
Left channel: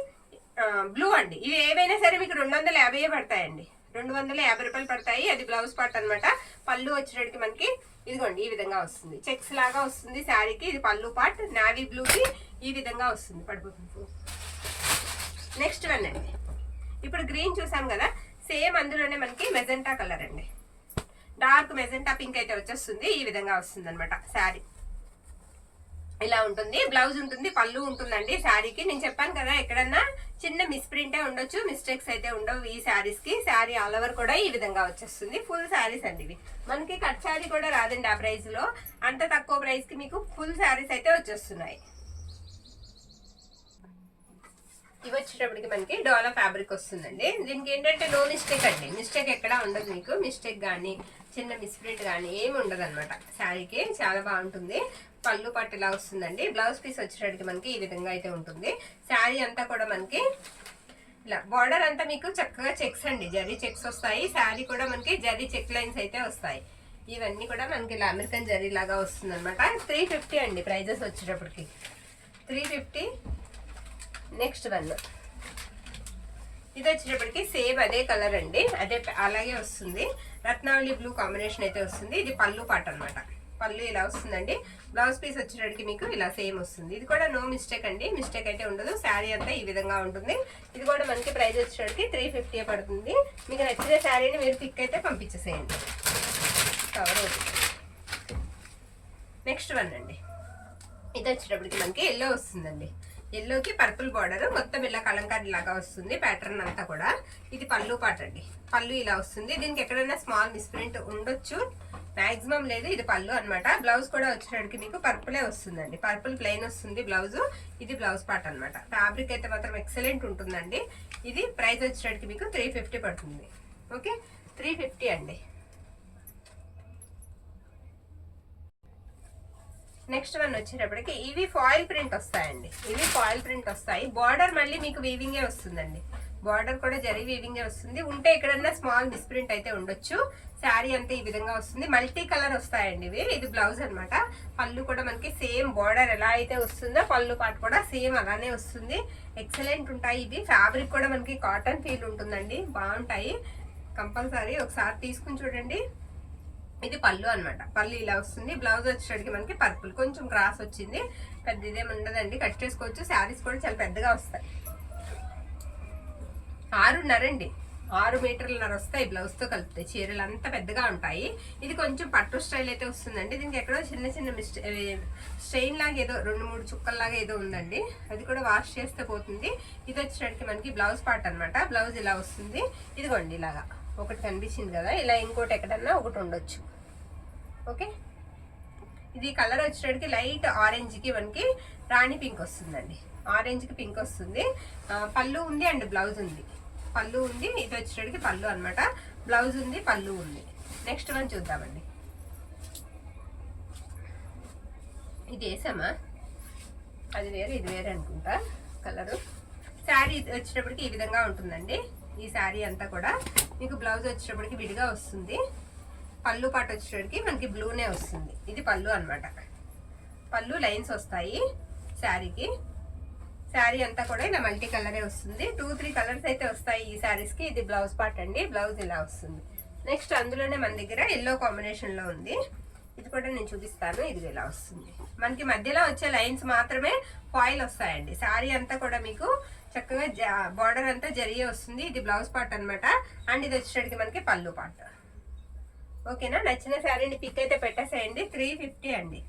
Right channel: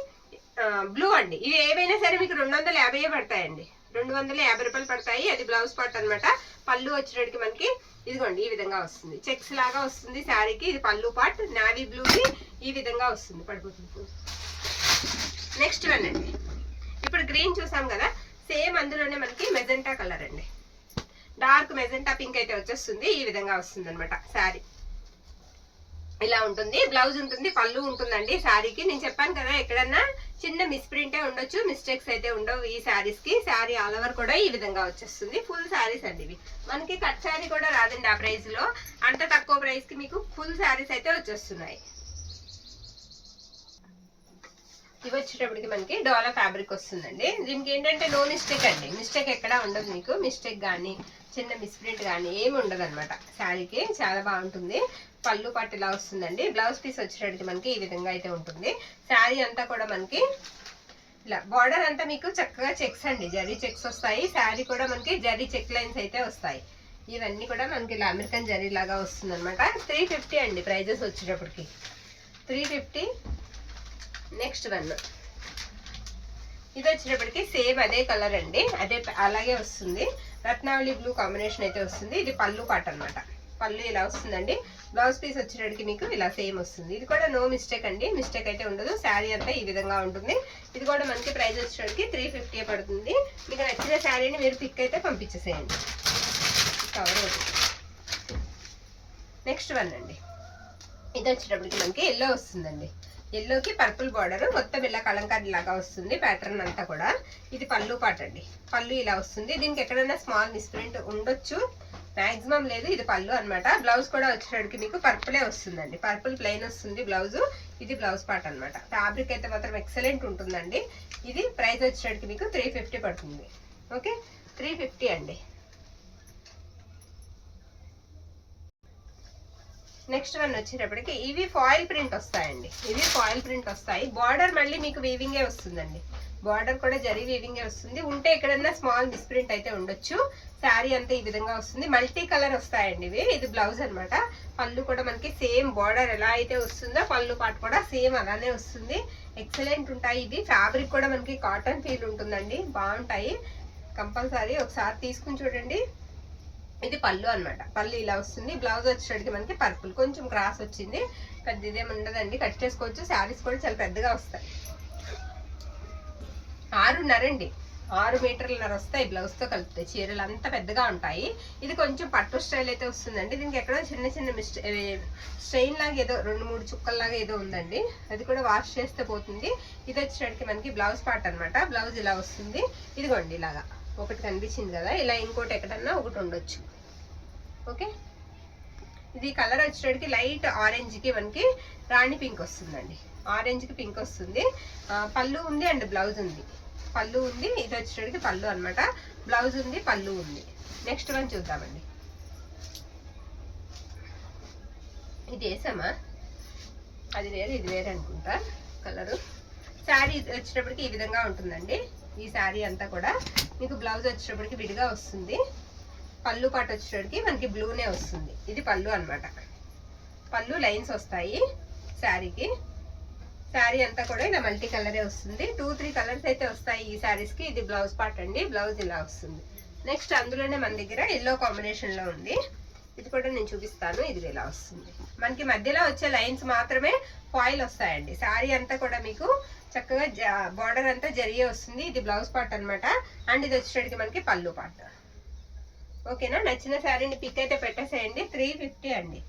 బ్లూ అండి. ఇవి ఏవైనా సరే మీకు 250 పడతాయండి, 250 రూపాయలు పడతాయి. అది బ్లౌజ్ పార్ట్ అనమాట. పళ్ళు వచ్చేటప్పటికి మనకి ఇదిగోండి ఈ విధంగా వస్తుంది, చెక్స్ లాగా వస్తుంది శారీకి. ఇది పళ్ళు పార్ట్, నావీ బ్లూకి ఈ విధంగా వస్తుంది, పడిపోతుంది. నెక్స్ట్ వన్ అండి, ఇప్పుడు గ్రీన్ చూసాం కదా, సేమ్ అందులోనే మనకి మెజెంటా కలర్ అండి, డార్క్ మెజెంటా పింక్ అయితే వచ్చేస్తుంది. ఈ విధంగా వస్తుంది అనమాట శారీ. ఇలా ఉంటుంది, బ్లౌజ్ ఉంటుంది, పళ్ళు ఉంటుందండి శారీకి. నేను చెప్పాను కదా, ఎక్కడన్నా చిన్న మిస్ ప్రింటే ఉండొచ్చు, మిస్టేక్స్ అయితే ఉండవు ఈ శారీస్ కి. శారీ ఆల్ ఓవర్ కూడా ఈ విధంగా వచ్చేస్తుంది. ఫుల్ శారీస్ అండి ఇవి. మనకి కట్ శారీ కూడా రాదండి ఆ ప్రైస్ లో. అంత తక్కువ ప్రైస్ కి మీకు ఫుల్ శారీస్ అయితే వచ్చేస్తున్నాయి. ఇవి వచ్చేటప్పటికి మనకి డోలా ఫ్యాబ్రిక్ వస్తుందండి. దీనికి ఏంటంటే నో మిస్టేక్ అండి, మిస్టేక్ ఎక్కడా ఉండదు మీకు. మిస్టేక్ కానీ చిన్న మిస్ప్రింట్ కానీ ఏమి ఉండదు అనమాట శారీకి. చాలా బాగుంటుంది. పళ్ళు పట్టు ఇలా వస్తుందండి. బ్లౌజ్ పీస్ వచ్చేటప్పటికి మనకి ఈ విధంగా అయితే ఉంటుంది. శారీ అంతా కూడా మనకి ఇలా బార్డర్ అంతా మీకు చక్కగా చెక్స్ అండి, జరీ చెక్స్ వస్తాయి. శారీ కూడా మనకి జరీ చెక్ లైన్స్ అయితే వస్తాయి. ఇవన్నీ కూడా మనకి ఇలా అమెరికన్ జరీ లాగా వస్తుంది అనమాట. 350 అండి ప్రైజెస్ వచ్చేటప్పటికి, 350. నెక్స్ట్ వన్ ఇది వచ్చేటప్పటికి సేమ్ అదే కలర్ అండి, అదే అలాగే వస్తుంది. రత్నావళి బ్లూ కాంబినేషన్ అయితే వస్తుంది. ఇది పళ్ళు పాట అనమాట. పళ్ళు ఇలా వస్తుందండి. బ్లౌజ్ పీస్ వచ్చేటప్పటికి మీకు ఇలా సేమ్ వస్తుంది. ఇది కూడా నో మిస్టేక్ అండి, మిస్టేక్ అయితే ఉండదు. శారీ అంతా ఈ విధంగా ఉంటుంది. ఇది కూడా మనకి ప్రైస్ వచ్చేటప్పటికి 350 పడుతుంది. మీకు నచ్చిన శారీని మీరు పిక్ అయితే పంపించేసేయండి. కవర్ అవుతుంది. నెక్స్ట్ వన్ అండి, ఇది వచ్చేటప్పటికి మనకి ఎల్లో వస్తుందండి. ఎల్లోకి పర్పుల్ బార్డర్, మొత్తం ఇలా కలంకారీ లాగా వస్తుంది ప్యాటర్న్ అంతా కూడా. ఇది పళ్ళు పాట అండి. పళ్ళు ఇలా వస్తుంది. దీనికి ఎక్కడైనా స్మాల్ మిస్ప్రింట్ ఉండొచ్చు, మాక్సిమం లేదు. ఇది పళ్ళు అనమాట. బ్లౌజ్ కూడా వచ్చేటప్పటికి మీకు పర్పులే వస్తుందండి, పర్పుల్ ప్లెయిన్ వస్తుంది బ్లౌజ్. ఇది బ్లౌజ్ పార్ట్ అనమాట. ఫ్యాబ్రిక్ అయితే మాత్రం ఎక్సలెంట్ ఉంటుందండి. ఇది ప్రైస్ వచ్చేటప్పటికి మీకు 350 పడుతుంది. ఓకే, 350 అండి. నెక్స్ట్ వన్ వచ్చేటప్పటికి ఇవి ఫాయిల్ ప్రింట్ వస్తాయండి. ఇవి ఫాయిల్ ప్రింట్ వస్తాయి. బార్డర్ మళ్ళీ మీకు వీవింగే వస్తుందండి. బార్డర్ కూడా జరీ వీవింగే వస్తుంది. ఉంటే ఎక్కడన్నా స్మాల్ మిస్ప్రింట్ అయితే ఉండొచ్చు. శారీ అంతా ఈ విధంగా వస్తుంది. మల్టీ కలర్ వస్తాయండి ఇవి. ఇది బ్లౌజ్ అనమాట. పళ్ళు కూడా మనకి సేమ్ బార్డర్ ఎలా అయితే వస్తుందో పళ్ళు పాటు కూడా సేమ్ అలానే వస్తుంది. ఎక్సలెంట్ ఉంటాయి. ఇది ఫ్యాబ్రిక్ కూడా మనకి కాటన్ ఫీల్ ఉంటుందండి, బాగుంటాయి. కంపల్సరీ ఒకసారి తీసుకుని చూడండి. ఇది పళ్ళు అనమాట. పళ్ళు ఇలా వస్తుంది. బ్లౌజ్ వచ్చేటికి మనకి పర్పుల్, కొంచెం క్రాస్ వచ్చింది, పెద్ద ఇదేమి ఉండదండి, కట్ చేసుకోవచ్చు. శారీస్ కూడా చాలా పెద్దగా వస్తాయి. 6.5 అండి, 6 మీటర్లన్నర వస్తాయి బ్లౌజ్తో కలిపితే. చీరలు అంతా పెద్దగా ఉంటాయి. ఇది కొంచెం పట్టు స్టైల్ అయితే వస్తుందండి. దీనికి ఎక్కడో చిన్న చిన్న స్ట్రెయిన్ లాగా ఏదో 2-3 చుక్కల్లాగా ఏదో ఉందండి, అది కూడా వాష్ చేస్తే పోతుంది. ఇది వచ్చేటికి మనకి బ్లౌజ్ పార్ట్ అనమాట. బ్లౌజ్ ఇలా వస్తుంది. ఇదిగోండి ఇలాగా ఒకటి కనిపించింది కదా, ఇలా ఇంకోటి ఎక్కడన్నా ఒకటి ఉండొచ్చు. ఓకే, ఇది కలర్ వచ్చేటికి లైట్ ఆరెంజ్కి మనకి రాణి పింక్ వస్తుందండి. ఆరెంజ్కి పింక్ వస్తుంది. పళ్ళు ఉంది అండ్ బ్లౌజ్ ఉంది. పళ్ళు ఉంది. ఇది వచ్చేటికి పళ్ళు అనమాట. బ్లౌజ్ ఉంది, పళ్ళు ఉంది. నెక్స్ట్ వన్ చూద్దామండి. ఇది వేసామా, అది వేరే ఇది వేరే అనుకుంటా కలరు. శారీ వచ్చేటప్పటికి ఈ విధంగా ఉంటుందండి. ఈ శారీ అంతా కూడా మీకు బ్లౌజ్ వచ్చేటప్పటికి విడిగా వస్తుంది. పళ్ళు పాటు వచ్చేటప్పటికి మనకి బ్లూనే వస్తుంది. ఇది పళ్ళు అనమాట. పళ్ళు లైన్స్ వస్తాయి శారీకి. శారీ అంతా కూడా ఇలా మల్టీ కలరే వస్తుంది. 2-3 కలర్స్ అయితే వస్తాయి ఈ శారీస్కి. ఇది బ్లౌజ్ పార్ట్ అండి. బ్లౌజ్ ఇలా వస్తుంది. నెక్స్ట్ అందులోనే మన దగ్గర ఎల్లో కాంబినేషన్లో ఉంది. ఇది కూడా నేను చూపిస్తాను. ఇది ఇలా వస్తుంది. మనకి మధ్యలో వచ్చే లైన్స్ మాత్రమే ఫాయిల్ వస్తాయండి. శారీ అంతా కూడా మీకు చక్కగా బార్డర్ అంతా జరిగే వస్తుంది. ఇది బ్లౌజ్ పార్ట్ అనమాట. అండ్ ఇది వచ్చేటికి మనకి పళ్ళు పార్ట్. ఓకేనా, నచ్చిన శారీని పిక్ అయితే పెట్టేసేయండి. 350 అండి,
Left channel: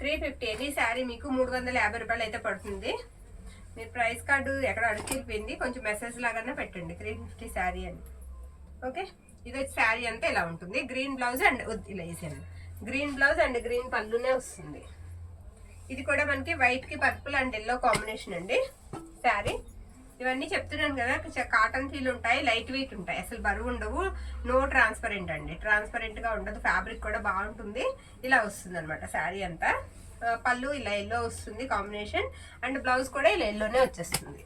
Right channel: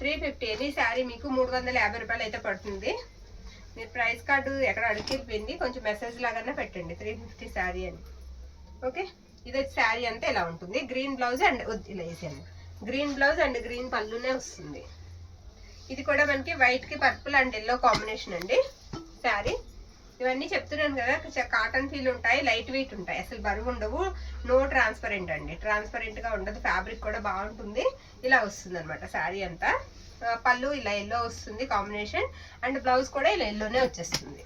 350. ఎనీ శారీ మీకు 350 రూపాయలు అయితే పడుతుంది. మీరు ప్రైస్ కార్డు ఎక్కడ అడిగిపోయింది, కొంచెం మెసేజ్ లాగా పెట్టండి 350 శారీ అని. ఓకే, ఇది వచ్చి శారీ అంతా ఇలా ఉంటుంది. గ్రీన్ బ్లౌజ్ అండ్ ఇలా వేసాను. గ్రీన్ బ్లౌజ్ అండ్ గ్రీన్ పళ్ళునే వస్తుంది. ఇది కూడా మనకి వైట్కి పర్పుల్ అండ్ ఎల్లో కాంబినేషన్ అండి శారీ. ఇవన్నీ చెప్తున్నాను కదా, కాటన్ ఫీల్ ఉంటాయి, లైట్ వెయిట్ ఉంటాయి, అసలు బరువు ఉండవు. నో ట్రాన్స్పరెంట్ అండి, ట్రాన్స్పరెంట్గా ఉండదు. ఫ్యాబ్రిక్ కూడా బాగుంటుంది. ఇలా వస్తుంది అనమాట శారీ అంతా. పళ్ళు ఇలా ఎల్లో వస్తుంది కాంబినేషన్, అండ్ బ్లౌజ్ కూడా ఇలా ఎల్లోనే వచ్చేస్తుంది.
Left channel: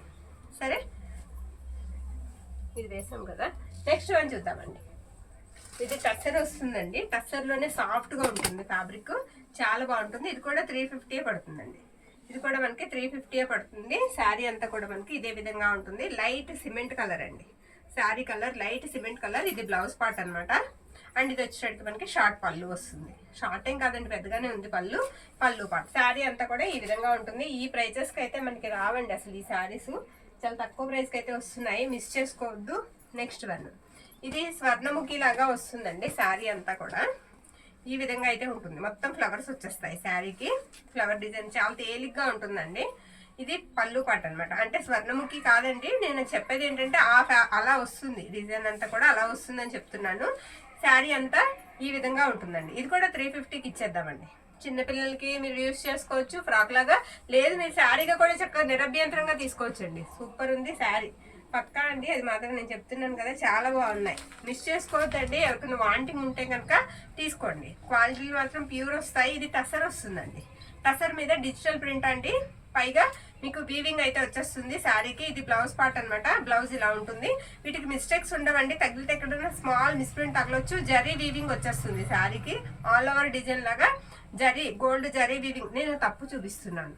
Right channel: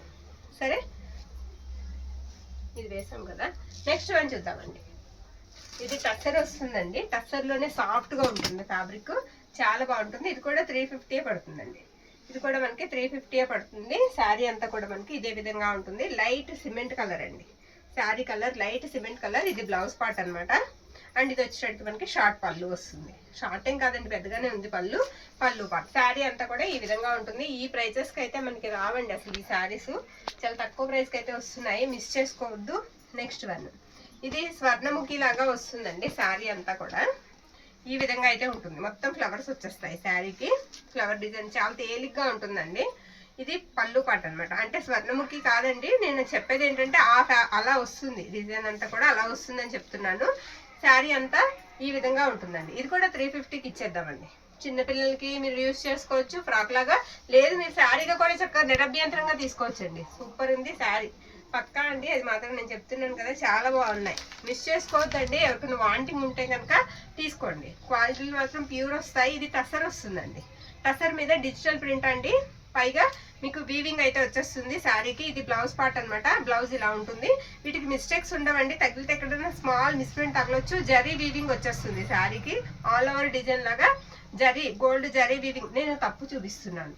సరే, ఇది వేసాం కదా. నెక్స్ట్ వన్ చూద్దామండి. ఇది టస్సర్ వస్తుందండి. టస్సర్లోనే సాఫ్ట్గా ఉంటుంది ఫ్యాబ్రిక్, చాలా బాగుంటుంది. ఇది కూడా 350 పడుతుందండి. ఇది కూడా మనకి 350 పడుతుంది. శారీ అంతా కూడా మనకి ఇదే విధంగా ఉంటుంది. లైట్ సిమెంట్ కలర్ అండి. Sari colour light cement colour. ఇది బ్లౌజ్ పార్ట్ అనమాట. అండ్ ఇది వచ్చేటట్టు మనకి షార్ట్ పళ్ళు వస్తుంది. షార్ట్ ఏం కాదండి, పెద్దగానే ఉంది పళ్ళు. పళ్ళు పార్ట్. శారీ అంతా కూడా ఈ విధంగా ఉంటుంది. ఈ ప్రైజెస్కి అయితే మనకి రావండి అసలు. ఈ శారీస్ చాలా తక్కువ ప్రైస్కి అయితే వస్తున్నాయి, మిస్ చేసుకోవద్దు. నెక్స్ట్ వన్, ఇది స్వర్ణముఖి లాగా వస్తుందండి. శారీ అంతా కూడా ఈ విధంగా అయితే ఉంటుంది. మొత్తం ఫ్లవర్స్ వచ్చేస్తాయి శారీకి. ఫ్లవర్ డిజైన్ చాలా తేలిగ్గా ఉంటుందండి. ఇది పళ్ళు పాట అనమాట. అంటే స్వర్ణముఖి కాదండి, నేను చెప్పేది ఏంటంటే అలా వస్తుంది. డిజైన్ అంతా కూడా అలా వస్తుందని చెప్తున్నాను. శారీ అంతా ఈ విధంగా ఉంటుందండి. ఇది కూడా 350కి ఇచ్చేద్దామండి. చిన్నపిల్లలకి మీరు యూజ్ చేసుకోవచ్చు ఫ్రాక్ లాగా. లేదు మీరు శారీగా కూడా చక్కగా నిరభ్యంతరంగా తీసుకోవచ్చండి. సూపర్ ఉంది శారీ, పక్కా అండి. అది మాత్రం నేను చెప్తున్నాను కదా, చాలా బాగున్నాయి. మిస్ చేసుకోవద్దండి. ఎవరికైనా వాంటింగ్ ఉంటే కనుక తీసుకోండి. క్వాలిటీ మాత్రం ప్యూర్ వస్తాయి. ఇది టసర్ వస్తుందండి. టసర్ మీద డిజిటల్ ప్రింట్ అండి. పైగా మీకు వీవింగ్ అయితే వచ్చేస్తుంది శారీకి. ఇది బ్లౌజ్ పార్ట్ అనమాట. బ్లౌజ్ ఇలా ఉంటుంది. వీటికి మిస్టేక్స్ ఉండవండి. తగిలితే ఎక్కడైనా స్మాల్ మిస్ప్రింట్ తగలొచ్చు. జరీ వీవింగ్ వచ్చేస్తుంది శారీకి. ఆల్ ఓవర్ డిజైన్ లాగా జరీ, గోల్డ్ జరీ వీవింగ్. నేను తప్పు చూపిస్తున్నాను.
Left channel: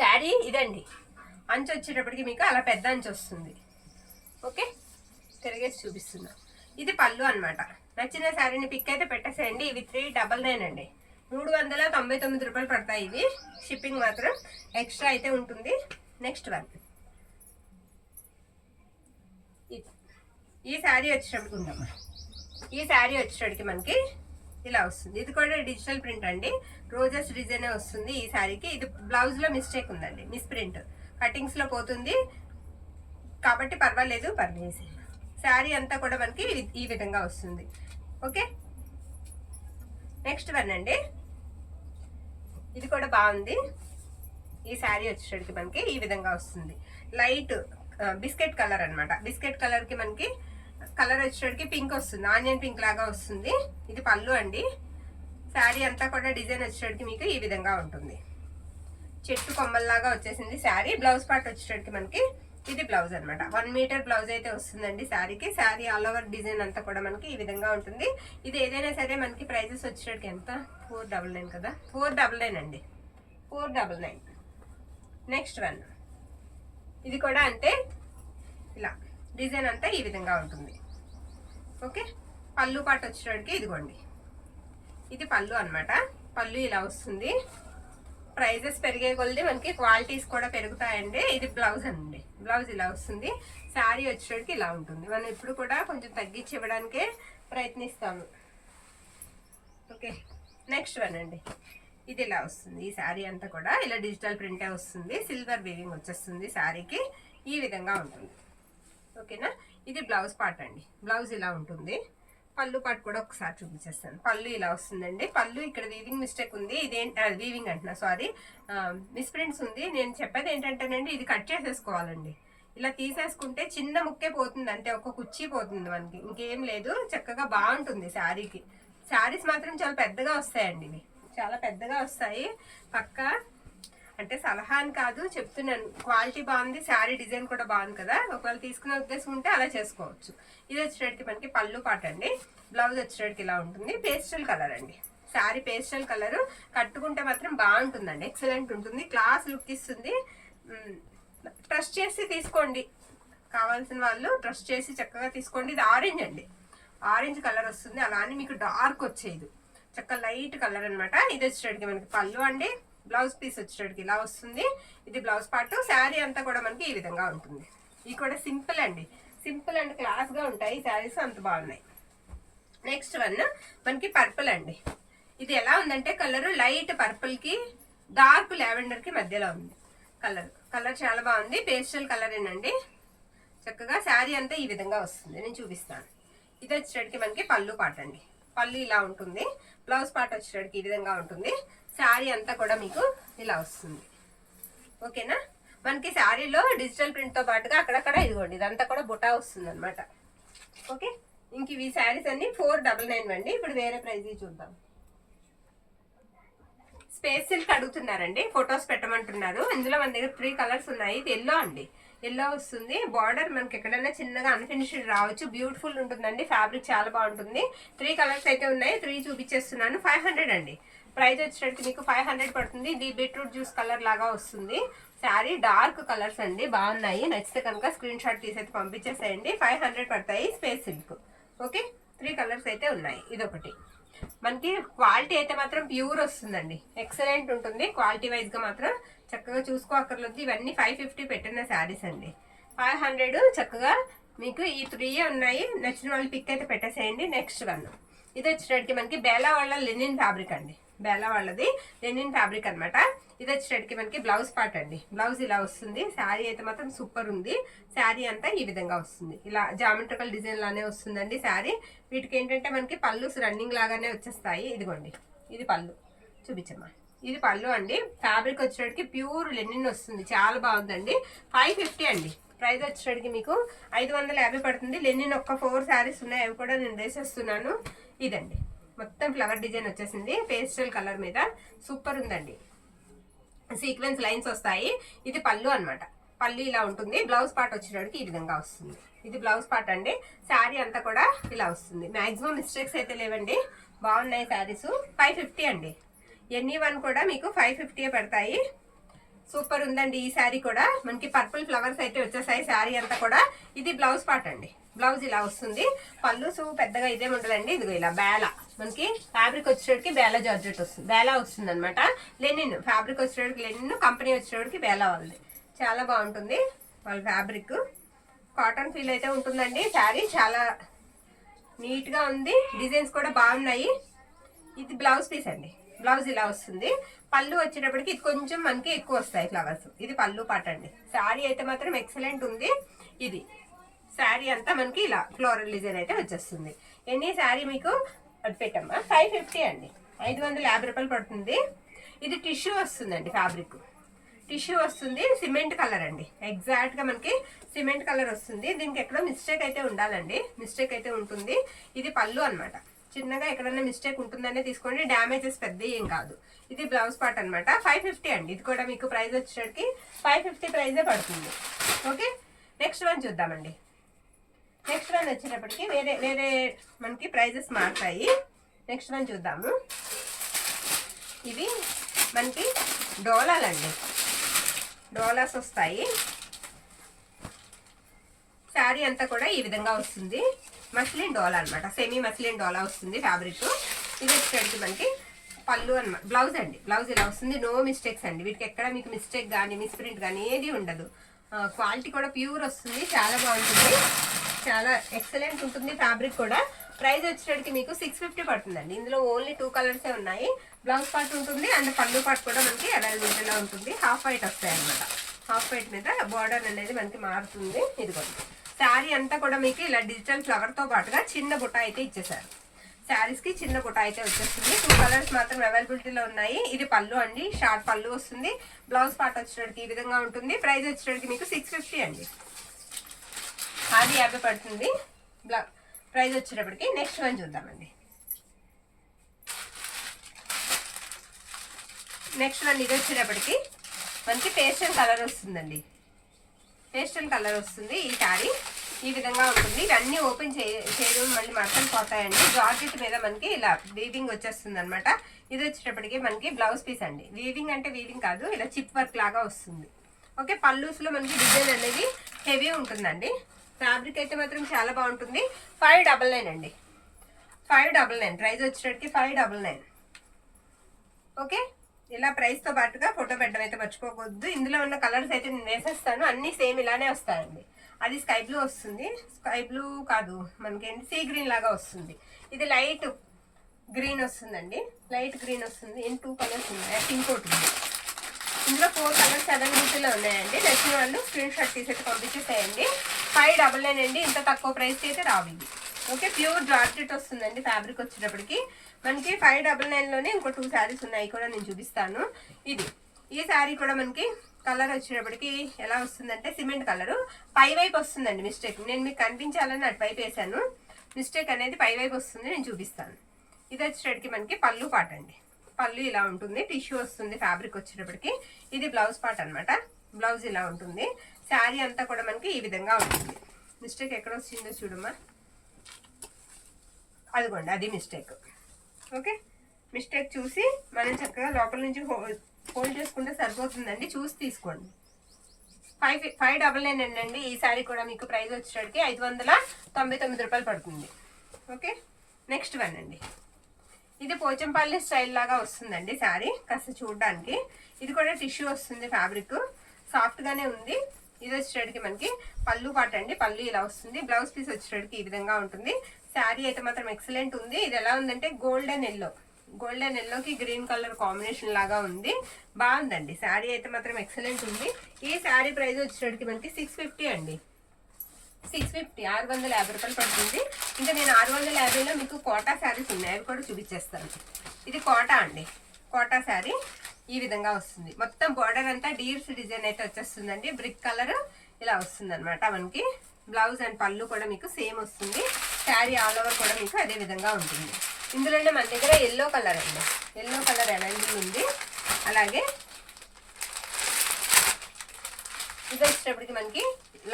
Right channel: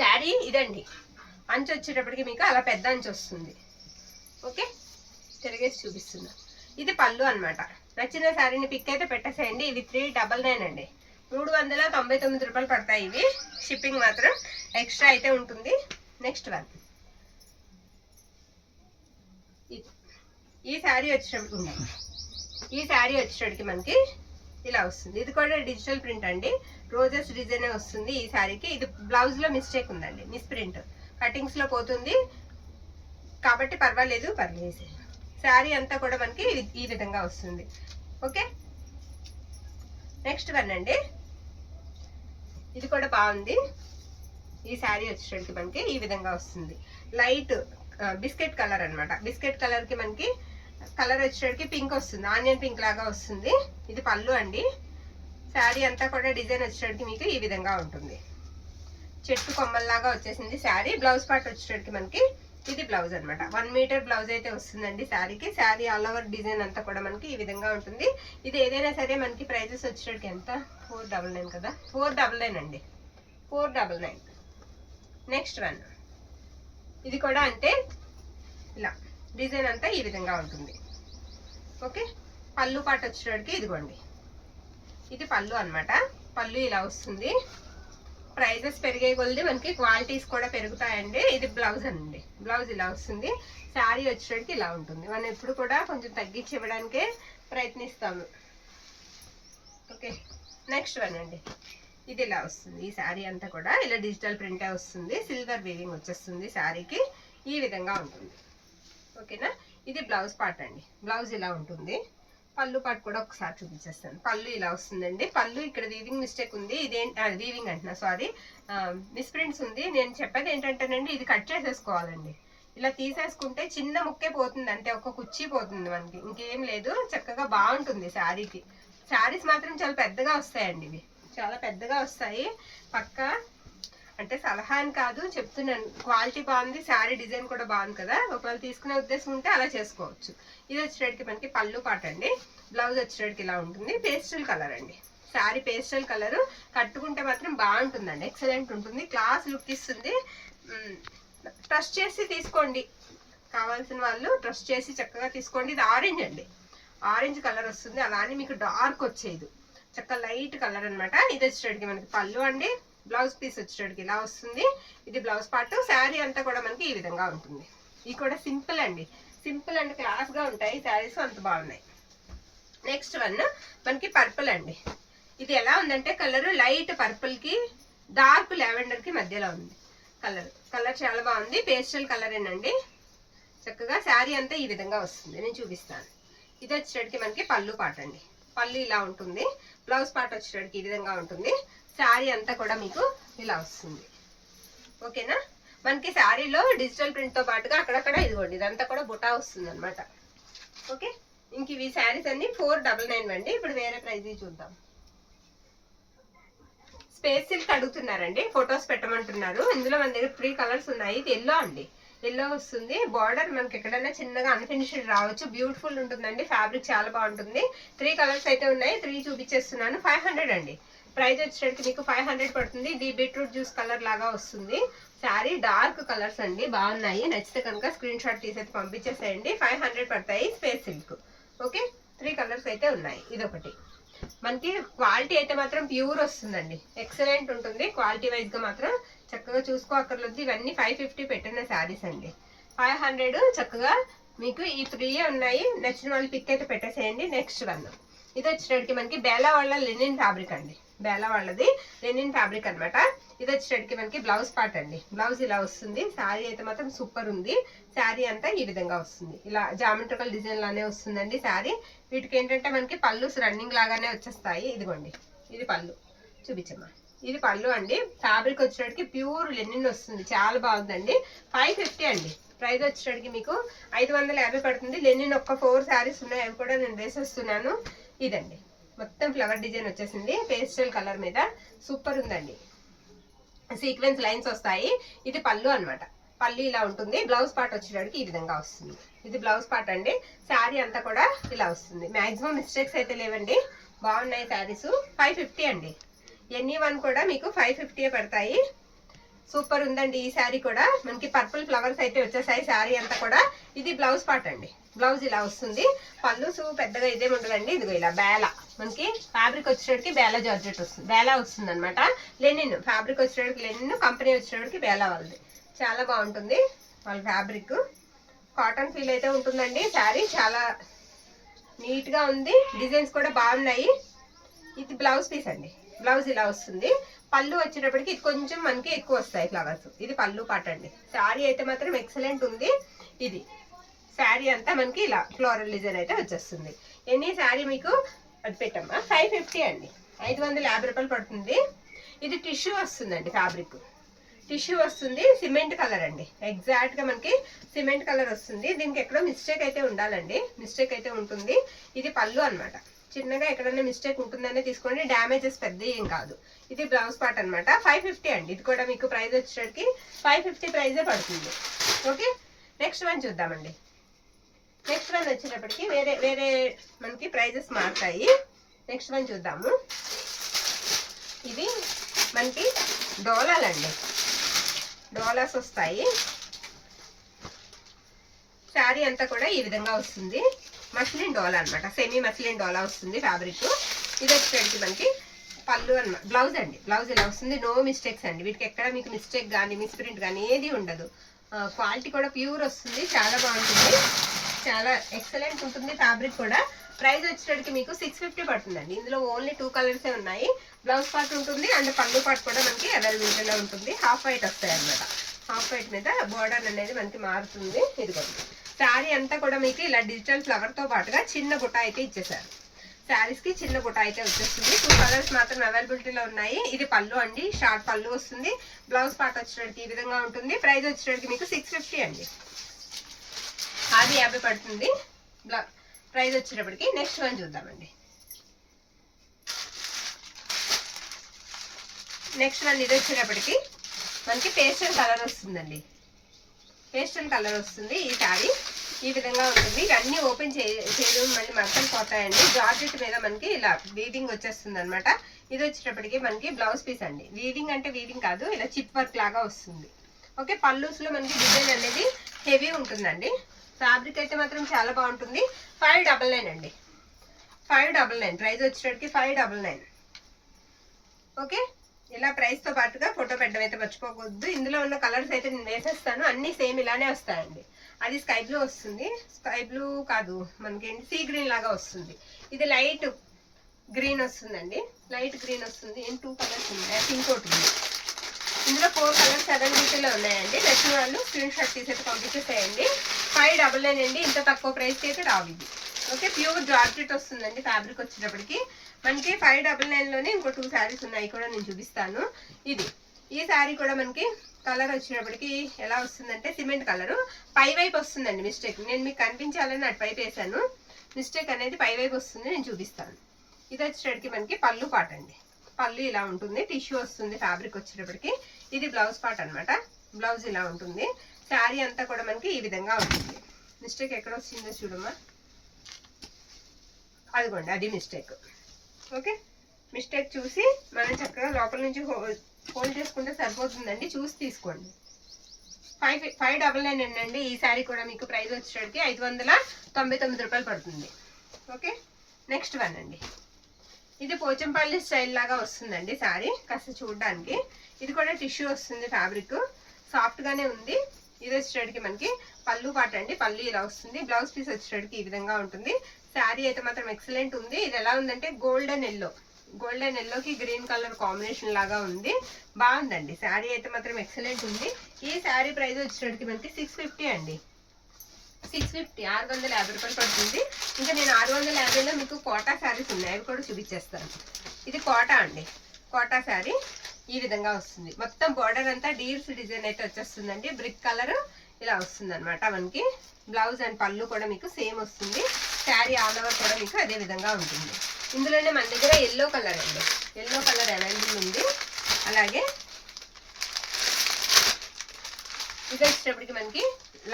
శారీ ఇదండి. అంచు వచ్చేటప్పటికి మీకు అలా పెద్ద అంచు వస్తుంది. ఓకే, తిరిగేసి చూపిస్తున్నా. ఇది పళ్ళు అనమాట. నచ్చిన శారీని పిక్ అయితే పెట్టేసేయండి. ఇవి 399 అండి. 399 రూపాయలు పడతాయి ఇవి. షిప్పింగ్ మాత్రం ఎక్స్ట్రా అయితే ఉంటుంది. నెక్స్ట్ వన్, ఈ శారీ వచ్చేటప్పటికి ఉందమ్మా. ఈ శారీ వచ్చేటప్పటికి మనకి ఇలా వస్తుంది. ఇది కూడా డిజిటల్ ప్రింట్ అండి. రోజెస్ డిజైన్ వస్తుంది ఈ శారీకి. ఇది బ్లౌజ్లో మిస్టేక్ ఉందండి, మిస్ ప్రింట్ కటింగ్స్లో పోతుంది కాబట్టి పర్వాలేదు, పర్లేదు. శారీ అంతా కూడా మనకి ఈ విధంగా వస్తుంది. ఓకే, నెక్స్ట్ వన్ అండి. ఇది కూడా బాగుంది. ఈ శారీ వచ్చేసరికి మనకి ఈ విధంగా వస్తుంది. లైట్ బిస్కెట్ కలర్ అనమాట. బిస్కెట్ కలర్కి మనకి కలర్ వచ్చేసరికి పింక్ వస్తుంది, ఆనియన్ పింక్ లాగా వస్తుంది. ఇది పళ్ళు అండి. శారీ అంతా కూడా డిజైన్ వచ్చేసరికి మీకు ఈ విధంగా ఉంటుంది. చెట్టు కొమ్మల్లాగా వచ్చేసింది శారీ. బ్లౌజ్ పార్ట్ వచ్చేసరికి మనకి ఇది బ్లౌజ్ అనమాట. 1 మీటర్ బ్లౌజ్ అయితే వస్తుందండి శారీకి. శారీ ఆల్ ఓవర్ డిజైన్ అంతా కూడా మనకి ఈ విధంగా ఉంటుంది. ఇది ఏదైనా సరే మనకి ప్రైజెస్ వచ్చేటట్టు ఎంత, 499 కదా, 499 అండి, 499. నెక్స్ట్ వన్, ఇది కూడా అంతే. ఇలా డిజైన్ అంతా ఈ విధంగా ఉంటుంది. ఓకే, పళ్ళు పాట వచ్చేటప్పటికి ఇదిగోండి, ఇది పళ్ళు అనమాట. పళ్ళు ఇలా వస్తుంది. ప్రైజెస్ పెరిగే కొద్ది మనకి క్వాలిటీస్ కూడా పెరుగుతాయండి. ఇది బ్లౌజ్ అండి. బ్లౌజ్ ఇలా వస్తుంది. శారీ వచ్చేటికి ఇలా ఉంటుంది. మనం ఎప్పుడు కూడా కొంచెం తగ్గించి ఇవ్వడానికే ప్రయత్నిస్తాము. ఓకే, నెక్స్ట్ వన్ అండి. ఇది ఇలా వస్తుంది. ఈ శారీ అంతా కూడా ఇలా డిజిటల్ ప్రింటే వస్తుంది. సిల్వర్ వీవింగ్ వచ్చేస్తుంది శారీకి. ఈ విధంగా ఉంటుంది. ఓకేనా, ఇది బ్లౌజ్ పార్ట్ అండి. బ్లౌజ్ ఇలా ఉంటుంది. పళ్ళు పాటు కూడా ఒకసారి చూపించేస్తాను. పళ్ళు ఇలా వస్తుందండి. పళ్ళు ఇక్కడ వీవింగ్ మిస్టేక్ ఉంది. ఇదేంటి, వీవింగ్ అంటున్నా, సారీ, మిస్ప్రింట్స్ ఉంది. నేను చెప్పేది ఏంటంటేనండి, ఇది కట్ చేసేసుకోవాలండి. ఇలా తీసేసుకుంటే చిన్న ముక్కే పోతుంది, అంటే ఒక కుర్చీ పోతుంది మనకి, ఇంకేం లేదు. చక్కగా బాగుంటుంది శారీకి. శారీస్ మాత్రం చాలా పెద్దగా వస్తాయండి. ఇవి చాలా పెద్దగా వస్తాయి. పక్కా అంటే సలహా అని కాదు, చెప్తున్నాను. క్వాలిటీ బాగుంది, శారీ డిజైన్ కూడా బాగుంది కదా. ఒకవేళ తీసుకునే ఉద్దేశం ఉంటే అలా చేసుకోవచ్చు. ఇది వచ్చేటికి మనకి పళ్ళు పాట అండి. బ్లౌజ్ వచ్చేటికి ఇలా ఉంటుంది. పేస్టల్ కలర్ అండి. Sari pastel colour. కట్టుకుంటే మాత్రం బాగుంటుందండి, ఎక్సలెంట్ ఉంటుంది, క్లాస్ లుక్ ఇస్తుంది. ట్రస్ట్ చేసి తీసుకోండి, కావాల్సిన వాళ్ళు ట్రస్ట్ చేసి చక్కగా తీసుకోండి. ఇది ఆరెంజ్ అండి. ఆరెంజ్ కలర్ వస్తుంది. అలా అని మీకు డార్క్ వచ్చేది, చక్కగా లైట్ కలర్ అనమాట. ఇది వచ్చేటికి మనకి పళ్ళు అండి. బ్లౌజ్ పీస్ వచ్చేటికి ఇలా వస్తుంది. ఇది బ్లౌజ్ పార్ట్. శారీ అంతా కూడా మనకి ఈ విధంగా ఉంటుంది. ఇది కూడా సింపుల్ అండి. సింపుల్ అండ్ క్లాస్గా ఉంటాయి శారీస్, అంత బాగున్నాయి. నెక్స్ట్ వన్ మనకి పర్పుల్ అండి. ఇది ఎలా ఉందంటే కలర్ లైట్ పర్పుల్కి డార్క్ లావెండర్కి మధ్యలో ఉంది కలర్. కలర్ చాలా బాగుంది. పేస్టల్ కలర్ ఏనండి. చక్కగా శారీ అంతా ఈ విధంగా వస్తుంది. నేను చూపిస్తాను. ఇది వచ్చేటికి మనకి పళ్ళు పాట అండి. పళ్ళు ఇలా ఉంటుంది. బ్లౌజ్ పార్ట్ వచ్చేటికి ఈ విధంగా ఉంటుంది. శారీ అంతా కూడా మీకు ఇలా వస్తుంది. ఓకేనా, మనకి శారీలో డిజిటల్ ప్రింట్తో పాటుగా అక్కడక్కడ ఇదిగోండి, ఇదంతా కూడా బుటా వస్తుంది అనమాట. ఓకే, ఇంక ఇవి శారీస్ అన్ని 499 అండి. ఇప్పుడు వేరే ప్రైజ్ చూద్దాం. స్పేస్ సిల్క్ అడుగుతున్నారండి, ఫొటోస్ పెట్టమంటున్నారు. ఇందులో మన దగ్గర 3 కలర్స్ ఉన్నాయి. ఇది ఎల్లో అండి. ఎల్లో వస్తుంది. బార్డర్ మనకి ఎక్కడైనా చిన్నగా అన్ఫినిష్డ్ రావచ్చు. బ్యూటిఫుల్ ఉంటుందండి. ఫ్యాబ్రిక్ చాలా బాగుంటుంది. 3 కలర్స్ అయితే ఉన్నాయి. 3 చూపించేస్తున్నాను. 500 అండి. ప్రైస్ వచ్చేసరికి మీకు 500 పడుతుంది. ఇది బీట్రూట్ జ్యూస్ కలర్ లాగా వస్తుంది. శారీ డార్క్ కలర్స్ అండి, బాగున్నాయి. నచ్చితే కనుక స్క్రీన్ షాట్ తీసి పంపించేసేయండి. 500 పడతాయి. Space silk. ఓకే, 3 కలర్స్ అయితే ఉన్నాయి. ఇదొకటి. మనకి క్వాలిటీ అయితే మాత్రం ప్యూర్ వస్తుందండి. ఎక్సలెంట్ ఉంటుంది. క్వాలిటీ వైజ్గా మాత్రం చక్కగా చూసుకోక్కర్లేదు. ఇవన్నీ 550 పెట్టిన శారీస్ అండి. 500 చక్కగా మీకు ఈ 3 ఉన్నాయి. నచ్చిన వాళ్ళు పిక్ అయితే పెట్టేసేయండి. నెక్స్ట్ వన్ ఇది వచ్చేటప్పటికి మనకి బేలా వాళ్ళ లెనిన్ ఫ్యాబ్రిక్ అండి. బేలా వాళ్ళది లెనిన్ ఫ్యాబ్రిక్ అనమాట. ఇది వచ్చేటప్పటికి మనకి బ్లౌజ్ పార్ట్ అండి. బ్లౌజ్ ఇలా వస్తుంది. శారీ అయితే మాత్రం సూపర్ ఉంది. శారీ అంతా ఈ విధంగా వస్తుంది. ఇలా జామెట్రికల్ డిజైన్ లానే వస్తుందండి శారీ. వీటికి ఏంటంటే మనకి పళ్ళు రన్నింగ్ లాగానే వచ్చేస్తాయి. ఇదిగోండి, ఇది పళ్ళు చూపించమ్మా. ఇది పళ్ళు అండి. ఫ్యాబ్రిక్ వచ్చేటప్పటికి ప్యూర్ లెనిన్ వస్తుంది. చాలా బాగుందండి. 550 అండి. ప్రైస్ వచ్చేటప్పటికి మీకు 550 పడుతుంది. లెనిన్ ఒక్క 4 శారీస్ ఉన్నాయి. అవి కూడా నేను వేసేస్తున్నాను. ఇదండి, మొత్తం ఫ్లవర్ డిజైన్ వచ్చేసింది పేస్టల్ కలర్ మీద. సూపర్ ఉందండి. సీక్వెన్స్ లైన్స్ వస్తాయి. ఇది పళ్ళు అనమాట. పళ్ళు ఇలా ఉంటుంది. బ్లౌజ్ పార్ట్ వచ్చేటప్పటికి ఈ విధంగా వస్తుంది. ఇది బ్లౌజ్ పార్ట్ అండి. శారీ అంతా కూడా ఇలా వస్తుంది. మాక్సిమం మిస్టేక్స్ అయితే లేవండి. బాగున్నాయి శారీస్. 550 అండి. ఎనీ వన్ కూడా మీకు 550 పడతాయి. సూపర్ ఉందండి. ఈ శారీ కూడా మనకి పర్పుల్ ఫ్లవర్స్ అయితే వచ్చేసాయి. శారీ అంతా కూడా. ఇది బ్లౌజ్ పార్ట్ అండి. బ్లౌజ్ ఇలా వస్తుంది. పళ్ళు పెద్దగా ఇదేమి ఉండదండి. ఇదిగో ఇలా బేలా మనకి ఫ్యాబ్రిక్ వచ్చేటప్పటికి బేలా జార్జెట్ వస్తుంది. బేలా వస్తుంది అనమాట. లెనిన్ ఫ్యాబ్రిక్ వచ్చేటప్పటికి లెనిన్, కంపెనీ వచ్చేటప్పటికి బేలా వాళ్ళది. చాలా బాగుంటుంది వాళ్ళ ఫ్యాబ్రిక్. కాటన్ ఫీల్ అయితే ఉంటుందండి. శారీ చాలా నీట్గా ఉంది. డిజైన్స్ కూడా బాగున్నాయి. ఇది బ్లౌజ్ పీస్ అండి. బ్లౌజ్ ఇలా వస్తుంది. పళ్ళు వచ్చేటప్పటికి ఇది కొంచెం మనకి ఎక్కువ వస్తాయి ఫ్లవర్స్. ఇది పళ్ళు పాట అండి. శారీ అయితే మాత్రం ఎక్సలెంట్ ఉంది. ఇది శారీ అంతా మనకి ఇలా ఫ్లోరల్ డిజైన్ అయితే వచ్చేస్తుంది. ఎన్ని శారీ మీకు అది పెట్టమ్మా 550 అండి. 550 రూపాయలు పడుతుంది. ఇది టిష్యూ వస్తుందండి. ఫ్యాబ్రిక్ టిష్యూ వస్తుంది. సిమెంట్ కలర్ అండి. ఎగ్జాక్ట్ గా మనకి సిమెంట్ కలర్ వస్తుంది. దీనికి ఎక్కడో మిస్టేక్ అయితే ఉండాలండి. మిస్టేక్ అయితే ఉంటుంది. ఇది పళ్ళు అనమాట. చిన్నగా ఎక్కడైనా మిస్టేక్ ఉంటుందనే తీసుకోండి. డ్యామేజెస్ పెద్ద ఏం కాదు. ఇది బ్లౌజ్ పార్ట్ అనమాట. 550 అండి. ఇది కూడా మీకు ప్రైస్ వచ్చేసరికి 550 ప్రైజే పడుతుంది. ఓకే, నెక్స్ట్ వన్ చూద్దామండి. నెక్స్ట్ వన్ వచ్చేటప్పటికి వేరే వేరే మనకి ప్రైజెస్ మారుతాయి. నెక్స్ట్ వన్ చూద్దాము. ఇవి మనకి డోలాలండి. డోలాస్ వస్తాయి. శారీ అంతా కూడా ఈ విధంగా వస్తుంది. మస్లిన్ డోలా అనమాట. సెమీ మస్లిన్ డోలా వస్తుంది ఫ్యాబ్రిక్. ఇది వచ్చేటప్పటికి మనకి పళ్ళు అనమాట. బ్లౌజ్ అండి. బ్లౌజ్ ఇలా వస్తుంది. నో మిస్టేక్స్ అండి. వీటికి ఎక్కడ మీకు మిస్టేక్ కానీ మిస్ప్రింట్ కానీ ఏది ఉండదు. క్వాలిటీ కూడా ప్యూర్ వస్తుంది. చాలా బాగుంటుంది. చాలా ఎక్సలెంట్ ఉంటుంది ఫ్యాబ్రిక్ కూడా. ప్రైస్ వచ్చేటప్పటికి మీకు 650 పడుతుందండి. ఇందులో ఓన్లీ 2 కలర్సే ఉన్నాయి. బ్లౌజ్ పార్ట్ ఉంటుంది అండ్ పళ్ళు పార్ట్ కూడా మనకి అవైలబిలిటీలో ఉంటుంది. హాఫ్ వైట్ వస్తాయి అనమాట. హాఫ్ వైట్ మీద బార్డర్ అనేది మనకి మారుతుంది. ఇదిగోండి, శారీ అంతా కూడా మీకు ఇలా డిజిటల్ ఫ్లవర్తో పాటుగా చిన్న బుట్ట అయితే ఇచ్చేసారు. శారీస్కి చిన్న బుట్ట అయితే వచ్చేస్తుంది. 2 కలర్స్ మాత్రం అవైలబిలిటీలో ఉన్నాయి. ఇది పళ్ళు అండి. షార్ట్ పళ్ళు వస్తుంది. బ్లౌజ్ పార్ట్ వచ్చేటప్పటికి ఈ విధంగా ఉంటుంది. ప్రైస్ వచ్చేటప్పటికి మీకు 650 అండి. అది 50 పడుతుంది. ప్రైస్ వచ్చేటప్పటికి నెక్స్ట్ వన్ చూద్దామండి. నెక్స్ట్ వన్ ఇది వచ్చేటప్పటికి మనకి పేస్టల్ కలర్ వస్తుందండి. పేస్టల్ కలర్ వస్తుంది. ఈ శారీ ఈ విధంగా ఉంటుంది. ఇవన్నీ ఓపెన్ చేయడం మళ్ళీ మడతలు పోతాయండి. జార్జెట్ మీద మనకి ఇలా వీవింగ్ వచ్చేస్తుంది అనమాట. ఇది వచ్చేటప్పటికి మనకి బ్లౌజ్ పీస్ అండి. వీవింగ్ అంటే వీవింగ్ కాదు, ఇలా చిప్ వర్క్ లాగా వస్తుంది. ఓకే, పళ్ళూస్లో మనకి డిజైన్ అనేది హెవీ ఉంటుందండి. ఫ్యాబ్రిక్ అయితే మాత్రం చాలా బాగుంటుంది. 599 అండి. 599 ప్రైస్ వచ్చేటప్పటికి 599. ఓకే, ఇలా ప్రైస్తో పాటుగా ఫోటో పెట్టడం అయితే మర్చిపోవద్దు. ఇందులో ఉన్న కలర్స్ అయితే నేను వేసేస్తాను. అన్నీ సేమ్ ఇలానే వస్తాయండి. అది స్కై బ్లూ వస్తుంది. స్కై బ్లూ కాదు, మనకేంటి సీ గ్రీన్ లాగా వస్తుంది. ఇది లైట్ గ్రీన్ వస్తుందండి. లైట్ గ్రీన్ వస్తుంది. 2 కలర్స్ ఉన్నాయి. పింక్ ఒకటి ఉంది. ఇందులో 4 కలర్స్ అవైలబిలిటీలో ఉన్నాయండి. నచ్చిన వాళ్ళు స్క్రీన్ షాట్ తీసి పంపించేసేయండి. 599 అండి. ఇంత తక్కువ ప్రైస్కి అయితే రావు ఇది. ఓకే, ప్యూర్ జార్జెట్ వస్తుందండి. ఫ్యాబ్రిక్ వచ్చేటప్పటికి మనకి 599లోనే ఇంకో 2 శారీస్ ఉన్నాయి కూడా నేను చూపిస్తాను. ఇది ఈ శారీ కూడా మనకి కలర్ వచ్చేటప్పటికి ఎలా వస్తుందంటే సిమెంట్ కలరు. పై వైపు వస్తుందండి మిస్టేక్. నేను మీకు కనిపించాలని అటు వైపు వేసాను. మిస్టేక్ అనేది పై వైపు వస్తుంది. నేను చూపిస్తాను. ఇది వచ్చేటప్పటికి మనకి పళ్ళు పాట అండి. పళ్ళు ఇలా ఉంటుంది. టిష్యూ వస్తుంది ఫ్యాబ్రిక్ వచ్చేటప్పటికి. ఇది బ్లౌజ్ పార్ట్ అనమాట. బ్లౌజ్ ఇలా ఉంటుంది. శారీ అంతా కూడా మనకి ఈ విధంగా ఉంటుంది. మిస్టేక్ ఎక్కడ వచ్చిందో చూడమ్మా, అదిగోండి అది మిస్టేక్. ఓకే, మిస్టేక్ చూసి మనం చక్కగా లోపల నుంచి హోల్డ్ చేసుకుంటే సరిపోతుందండి. చూసి తీసుకోండి. 599 అండి. ఈ శారీ కూడా మీకు ప్రైస్ వచ్చేటికి 599 రూపాయలు పడుతుంది. ఓకే, నెక్స్ట్ వన్ అండి. ఇది పోచంపల్లి స్టైల్ లాగా వస్తుందండి శారీ, కాస్త చూడడానికి. ఇది కూడా టిష్యూ వస్తుంది, ఫ్యాబ్రిక్ సాఫ్ట్గానే ఉంది. ఇది వచ్చేటికి మనకి పళ్ళు పాట అండి. పళ్ళు ఇలా వస్తుంది. బ్లౌజ్ పీస్ వచ్చేటికి ఈ విధంగా ఉంటుంది. శారీ అయితే మాత్రం ఎక్సలెంట్ ఉంది. ఇది ఎలా ఉందంటే గోల్డెన్ ఎల్లోకి గ్రీన్ కలర్ కాంబినేషన్ లాగా ఉంది. బాగుందండి శారీ అయితే మాత్రం ఎక్సలెంట్ ఉంది. ఈ శారీ ప్రైస్ వచ్చేటికి మనకి 650 అండి. 650, 650 రూపాయలు పడుతుంది. ఇంకా నేను 650లో మీకు కోటా శారీస్ ఉన్నాయి, అవి కూడా చూపించేస్తాను. ఇది కోటా అండి. కోటా శారీ ఈ విధంగా వస్తుంది. మొత్తం బార్డర్ అంతా డీర్స్ డిజైన్ అయితే వచ్చేస్తుందండి. బ్రిక్ కలర్ ఇలా వస్తుంది అనమాట మనకి. బ్లౌజ్ అండ్ పళ్ళు కూడా మీకు సేమ్ వస్తుంది. శారీ ఆల్ ఓవర్ కూడా మీకు అదే విధంగా ఉంటుంది. ఇందులోనే మన దగ్గర ఎల్లో కలర్ అండి, ఎల్లో కలర్ అవైలబుల్ ఉంది. అలాగే ఇది వచ్చేటప్పటికి మనకి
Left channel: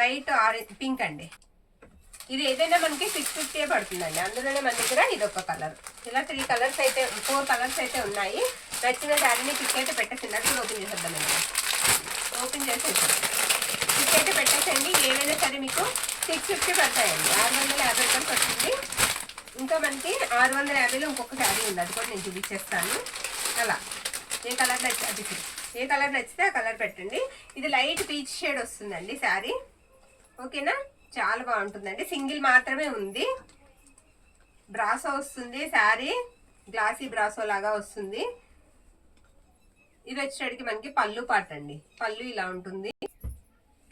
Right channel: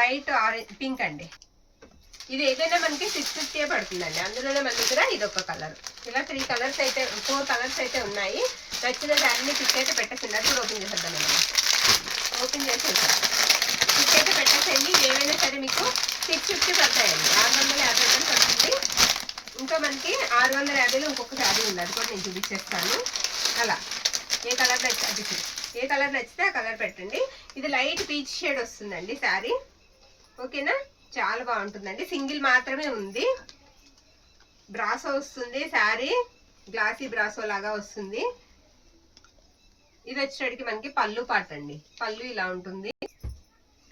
లైట్ ఆరెంజ్ పింక్ అండి. ఇది ఏదైనా మనకి 650 పడుతుందండి. అందులోనే మన దగ్గర ఇది ఒక కలర్. ఇలా 4 కలర్స్ అయితే ఉన్నాయి. నచ్చిన శారీని పిక్ అయితే పెట్టేసింది. అది కూడా ఓపెన్ చేసేద్దాం అండి. ఓపెన్ చేసేసాం, పిక్ అయితే పెట్టేసేయండి. ఏవైనా సరే మీకు 650 పడతాయండి. 650 రూపాయలు పడుతుంది. ఇంకా మనకి 650లో ఇంకొక శారీ ఉంది, అది కూడా నేను చూపించేస్తాను. అలా ఏ కలర్ నచ్చితే ఆ కలర్ పెట్టండి. ఇది లైట్ పీచ్ షేడ్ వస్తుందండి శారీ. ఓకేనా, చాలా బాగుంటుందండి. సింగిల్ మాత్రమే ఉంది. బ్రాసో వస్తుంది శారీ, గ్లాసీ బ్రాసో లాగా వస్తుంది. ఇది వచ్చేటికి మనకి పళ్ళు పాట అండి. పళ్ళు ఇలా ఉంటుంది.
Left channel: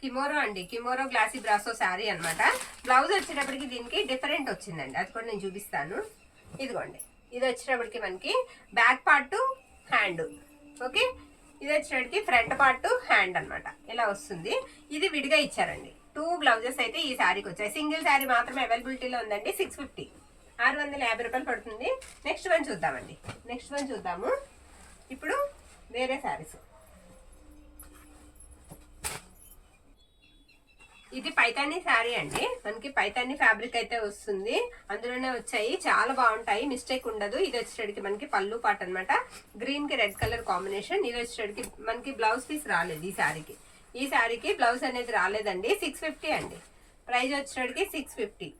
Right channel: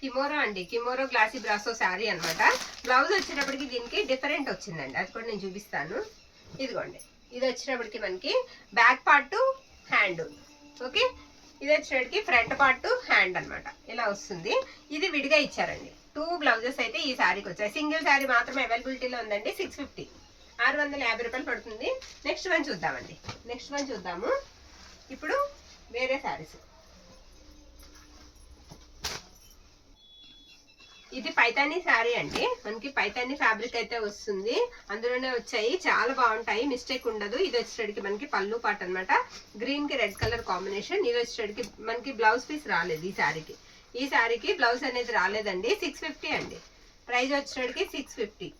కిమోరో అండి, కిమోరో గ్లాసీ బ్రాసో శారీ అనమాట. బ్లౌజ్ వచ్చేటప్పటికి దీనికి డిఫరెంట్ వచ్చిందండి, అది కూడా నేను చూపిస్తాను. ఇదిగోండి, ఇది వచ్చేటప్పటికి మనకి బ్యాక్ పార్ట్ హ్యాండ్. ఓకే, ఇది వచ్చేటప్పటికి ఫ్రంట్ పార్ట్ హ్యాండ్ అనమాట. ఇలా వస్తుంది. ఇది విడిగా ఇచ్చారండి. 2 బ్లౌజెస్ అయితే ఈ శారీకి వచ్చాయి. సింగిల్ శారీ మాత్రమే అవైలబిలిటీలో ఉందండి. 650, 650 రూపాయలు పడుతుంది. నెక్స్ట్ వన్ చూద్దాము. ఇప్పుడు వేరే శారీస్. ఇది పైతానీ శారీ అండి. మనకి పైతానీ ఫ్యాబ్రిక్ అయితే వస్తుంది. అందులోనే వచ్చాయి, చాలా బాగుంటాయి, మిస్టేక్ ఉండదు. ఇది వచ్చేటికి మనకి పళ్ళు పాట అనమాట. గ్రీన్ కి రెడ్ కలర్ కాంబినేషన్. ఇది వచ్చేటికి మనకి బ్లౌజ్ పీస్ రాలేదు ఈ శారీకి బ్లౌజ్ అనేది రాలేదండి. 650 అండి. ప్రైస్ వచ్చేటికి 650.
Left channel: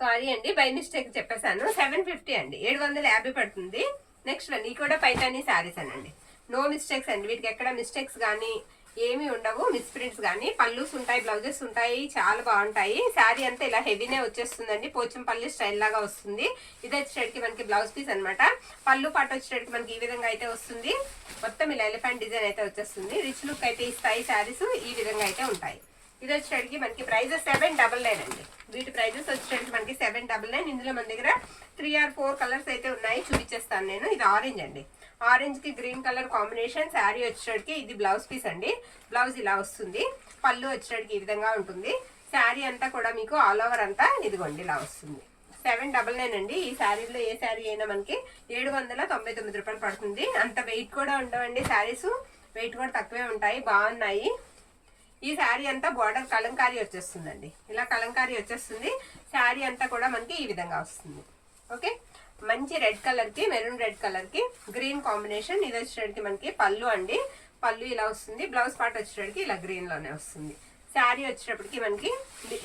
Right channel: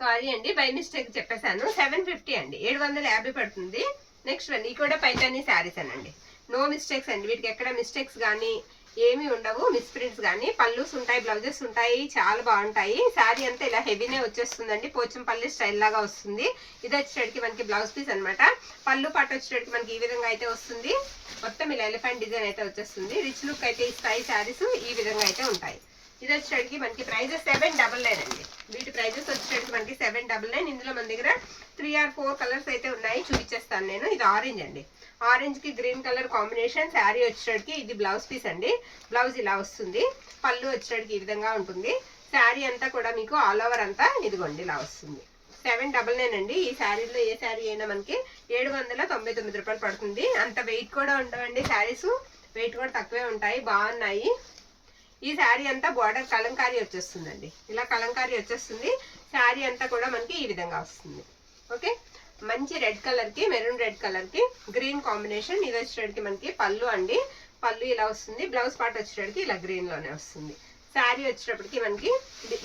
సారీ అండి, బై మిస్టేక్ చెప్పేశాను. 750 అండి. 750 పడుతుంది. నెక్స్ట్ వన్, ఇది కూడా పైతానీ శారీస్ అనండి. నో మిస్టేక్స్ అండి, వీటికి ఎక్కడ మిస్టేక్స్ కానీ ఏమి ఉండవు, మిస్ ప్రింట్స్ కానీ. పళ్ళుస్ ఉంటాయి, బ్లౌజెస్ ఉంటాయి, చాలా బాగుంటాయి. శారీ అంతా ఇలా హెవీనే వచ్చేస్తుందండి. పోచంపల్లి స్టైల్ లాగా వస్తుంది. ఇది వచ్చేటికి మనకి బ్లౌజ్ పీస్ అనమాట. పళ్ళు పాట వచ్చేటికి మనకి ఈ విధంగా అయితే వస్తుంది. మొత్తం ఇలా ఎలిఫెంట్ డిజైన్ అయితే వచ్చేస్తుంది. రిచ్ లుక్ అయితే ఇస్తాయి శారీస్. ఈ విధంగా అయితే ఉంటాయి. ఇది వచ్చేటికి మనకి ప్రైస్ 799 అండి. వీటి ప్రైజెస్ వచ్చేటికి మనకి 799. ఇందులో మన దగ్గర 3 or 4 కలర్స్ అయితే ఉన్నాయి, చూపించేస్తాను నేను. ఇది ఆరెంజ్ అండి. ఆరెంజ్ కి గ్రీన్ కలర్ కాంబినేషన్. శారీ వచ్చేటికి ఇది బ్లౌజ్ పీస్ అండి. బ్లౌజ్ ఇలా వస్తుంది. పళ్ళు వచ్చేటికి ఈ విధంగా ఉంటుంది. శారీ అంతా కూడా మీకు ఆల్ ఓవర్ అంతా ఇదిగోండి ఇలా వస్తుంది. 799 అండి. ఈ శారీలో ఏ శారీ అయినా మనకి 799 రూపాయలు పడుతుంది. అంత వెయిట్ కూడా ఉండవండి శారీస్, వెయిట్ కూడా తక్కువే ఉంటాయి, బాగున్నాయి. ఈ శారీ అంతా బార్డర్ కలంకారీ వచ్చేస్తుందండి. ఇలా కలంకారీ వచ్చేస్తుంది. శారీ అంతా కూడా మనకి ఈ విధంగా వస్తుంది. ఓకే, మంచి రెడ్ కలర్ కి మెరూన్ రెడ్ కలర్ కి గ్రీన్ కాంబినేషన్. ఇది వచ్చేటికి మనకి పళ్ళు అండి. పళ్ళు ఇలా వస్తుంది. బ్లౌజ్ పార్ట్ వచ్చేటికి ఇలా గ్రీన్ లోనే వస్తుంది. శారీ వచ్చేటప్పటికి మనకి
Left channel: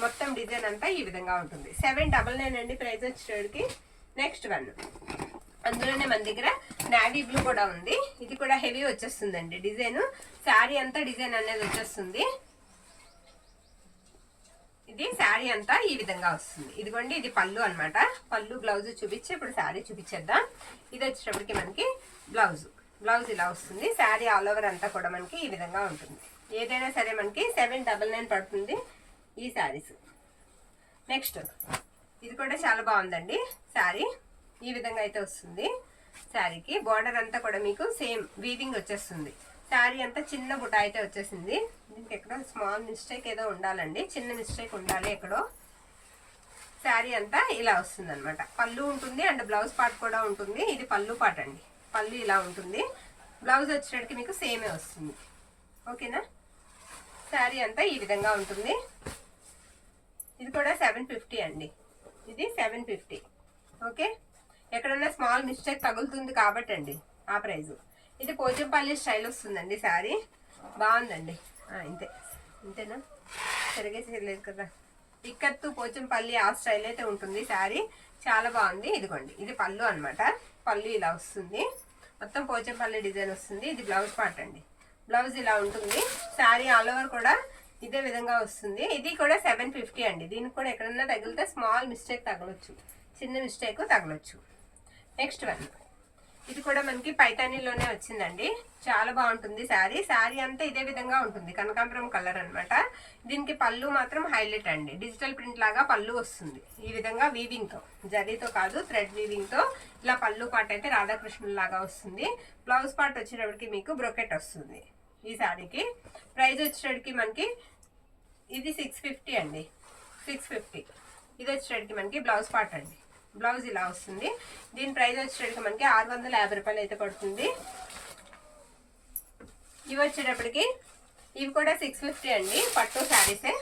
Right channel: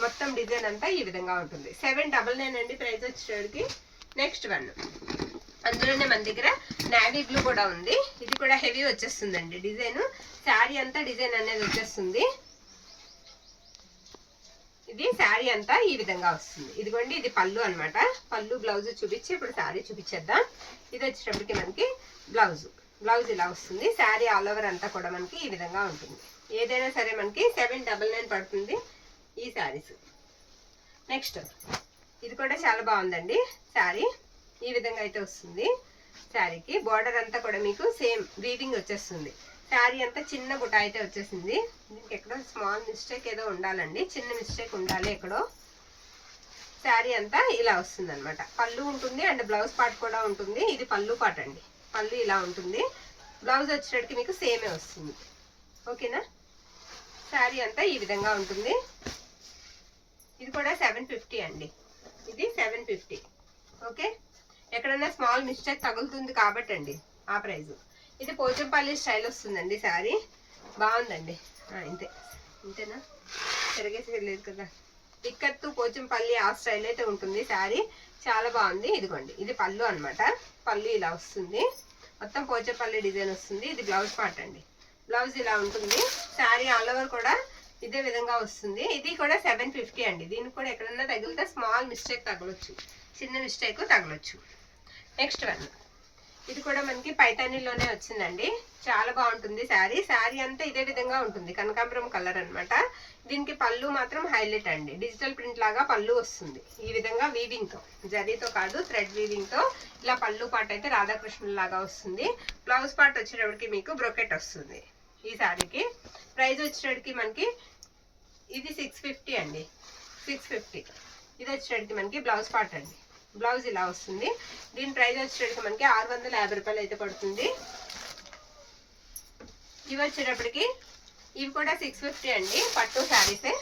మొత్తం డిజైన్ అంతా ఈ విధంగా ఉంటుంది. 799 అండి ప్రైస్ వచ్చేటికి. నెక్స్ట్ వన్, అందులోనే మన దగ్గర నావీ బ్లూ కూడా ఉంది. ఇది కూడా హెవీ వచ్చేస్తుందండి డిజైన్. శారీ అంతా డిజైన్ అనేది వచ్చేస్తుంది. ఇది శారీ అంతా ఈ విధంగా వస్తుంది. ఇదిగోండి, ఇది పళ్ళు అనమాట. పళ్ళు బ్లౌజ్ చూపించి ఇప్పుడు శారీ చూపించేద్దాం. ఇది వచ్చేటప్పటికి మనకి బ్లౌజ్ ఇలా వస్తుంది. శారీ ఆల్ ఓవర్ అంతా కూడా మనకి ఈ విధంగా ఉంటుంది. ఏదైనా సరే మనకి 799 పడుతుంది ఈ శారీస్. నెక్స్ట్, ఇది కూడా చాలా బాగుందండి శారీ. ఈ విధంగా అయితే వస్తుంది. శారీకి బార్డర్ అంతా కూడా మీకు సేమ్ వీవింగ్ వచ్చేస్తుంది. శారీ అంతా చిన్న బుట్ట అయితే వచ్చేసింది. దీనికి ఎక్కడో స్మాల్ మిస్టేక్ ఏదో ఉండాలండి, చిన్న మిస్టేక్ ఉండాలి ఎక్కడో. శారీ అంతా ఇలా వస్తుంది అనమాట. పళ్ళు ఉంటుంది అండ్ బ్లౌజ్ పార్ట్ కూడా ఉంటుంది. ఇది పళ్ళు పార్ట్ అండి. పళ్ళు ఇలా ఉంటుంది. బ్లౌజ్ వచ్చేటికి మీకు సేమే వస్తుంది. ఓకేనా. శారీ అంతా ఈ విధంగా ఉంటుంది. ఇది కూడా 750 అండి, ఇది 750. ఓకే, ఎక్కడన్నా స్మాల్ మిస్టేక్ తగులుతుంది కాబట్టి అండి ఆ ప్రైజు. ఇది పోచంపల్లి స్టైల్ వస్తుందండి శారీ, బాగుందండి. ఇంతేనా, తిరగేసేయలేదు కదా. ఇక్కత్తు పోచంపల్లి ఆ స్టైల్ అయితే ఉంటుంది శారీ, చాలా బాగుంది. ఇదిగోండి, ఇది పళ్ళు అనమాట. పళ్ళు ఇలా వస్తుంది, మొత్తం పోచంపల్లి డిజైన్ వస్తుంది. ఇది బ్లౌజ్ పార్ట్ అండి, బ్లౌజ్ ఇలా ఉంటుంది. శారీ ఆల్ ఓవర్ కూడా ఇదే విధంగా వస్తుంది. ఇది కూడా 750 అండి. దీనికి కూడా ఎక్కడన్నా తగిలితే స్మాల్ మిస్టేక్ తగలొచ్చు, చిన్న మిస్టేక్ తగలొచ్చు. నెక్స్ట్ వన్, ఇది కూడా మనకి పైతానీలోనే వచ్చిందండి, చాలా బాగుంటుంది శారీ. శారీ అంతా ఇదే విధంగా ఉంటుంది, కనకాంబరం కలర్ అనమాట. దీనికి పళ్ళు మాత్రం హైలైట్ అండి, డిజిటల్ ప్రింట్ లాగా పళ్ళు వస్తుంది. ఈ విధంగా వీవింగ్తో, జరీతో కాదు థ్రెడ్ వీవింగ్తో ఇలా పళ్ళు పార్ట్ అయితే రాధాకృష్ణుల లాగా వస్తుంది. బ్లౌజ్ పార్ట్ వచ్చేటప్పటికి మీకు బ్రొకెట్ వస్తుంది. ఈ శారీకి ప్రైస్ వచ్చేటప్పటికి మనకి ఇది 650 అండి, 650. ఇది వచ్చేటప్పటికి మనకి బ్లౌజ్ పార్ట్ అండి, బ్లౌజ్ ఇలా వస్తుంది. దీని ప్రైస్ వచ్చేటప్పటికి మనకి 650 రూపాయలు అయితే పడుతుంది. ఇవి వచ్చేటప్పటికి ఇవి కూడా 650 అండి, పట్టు శారీసే.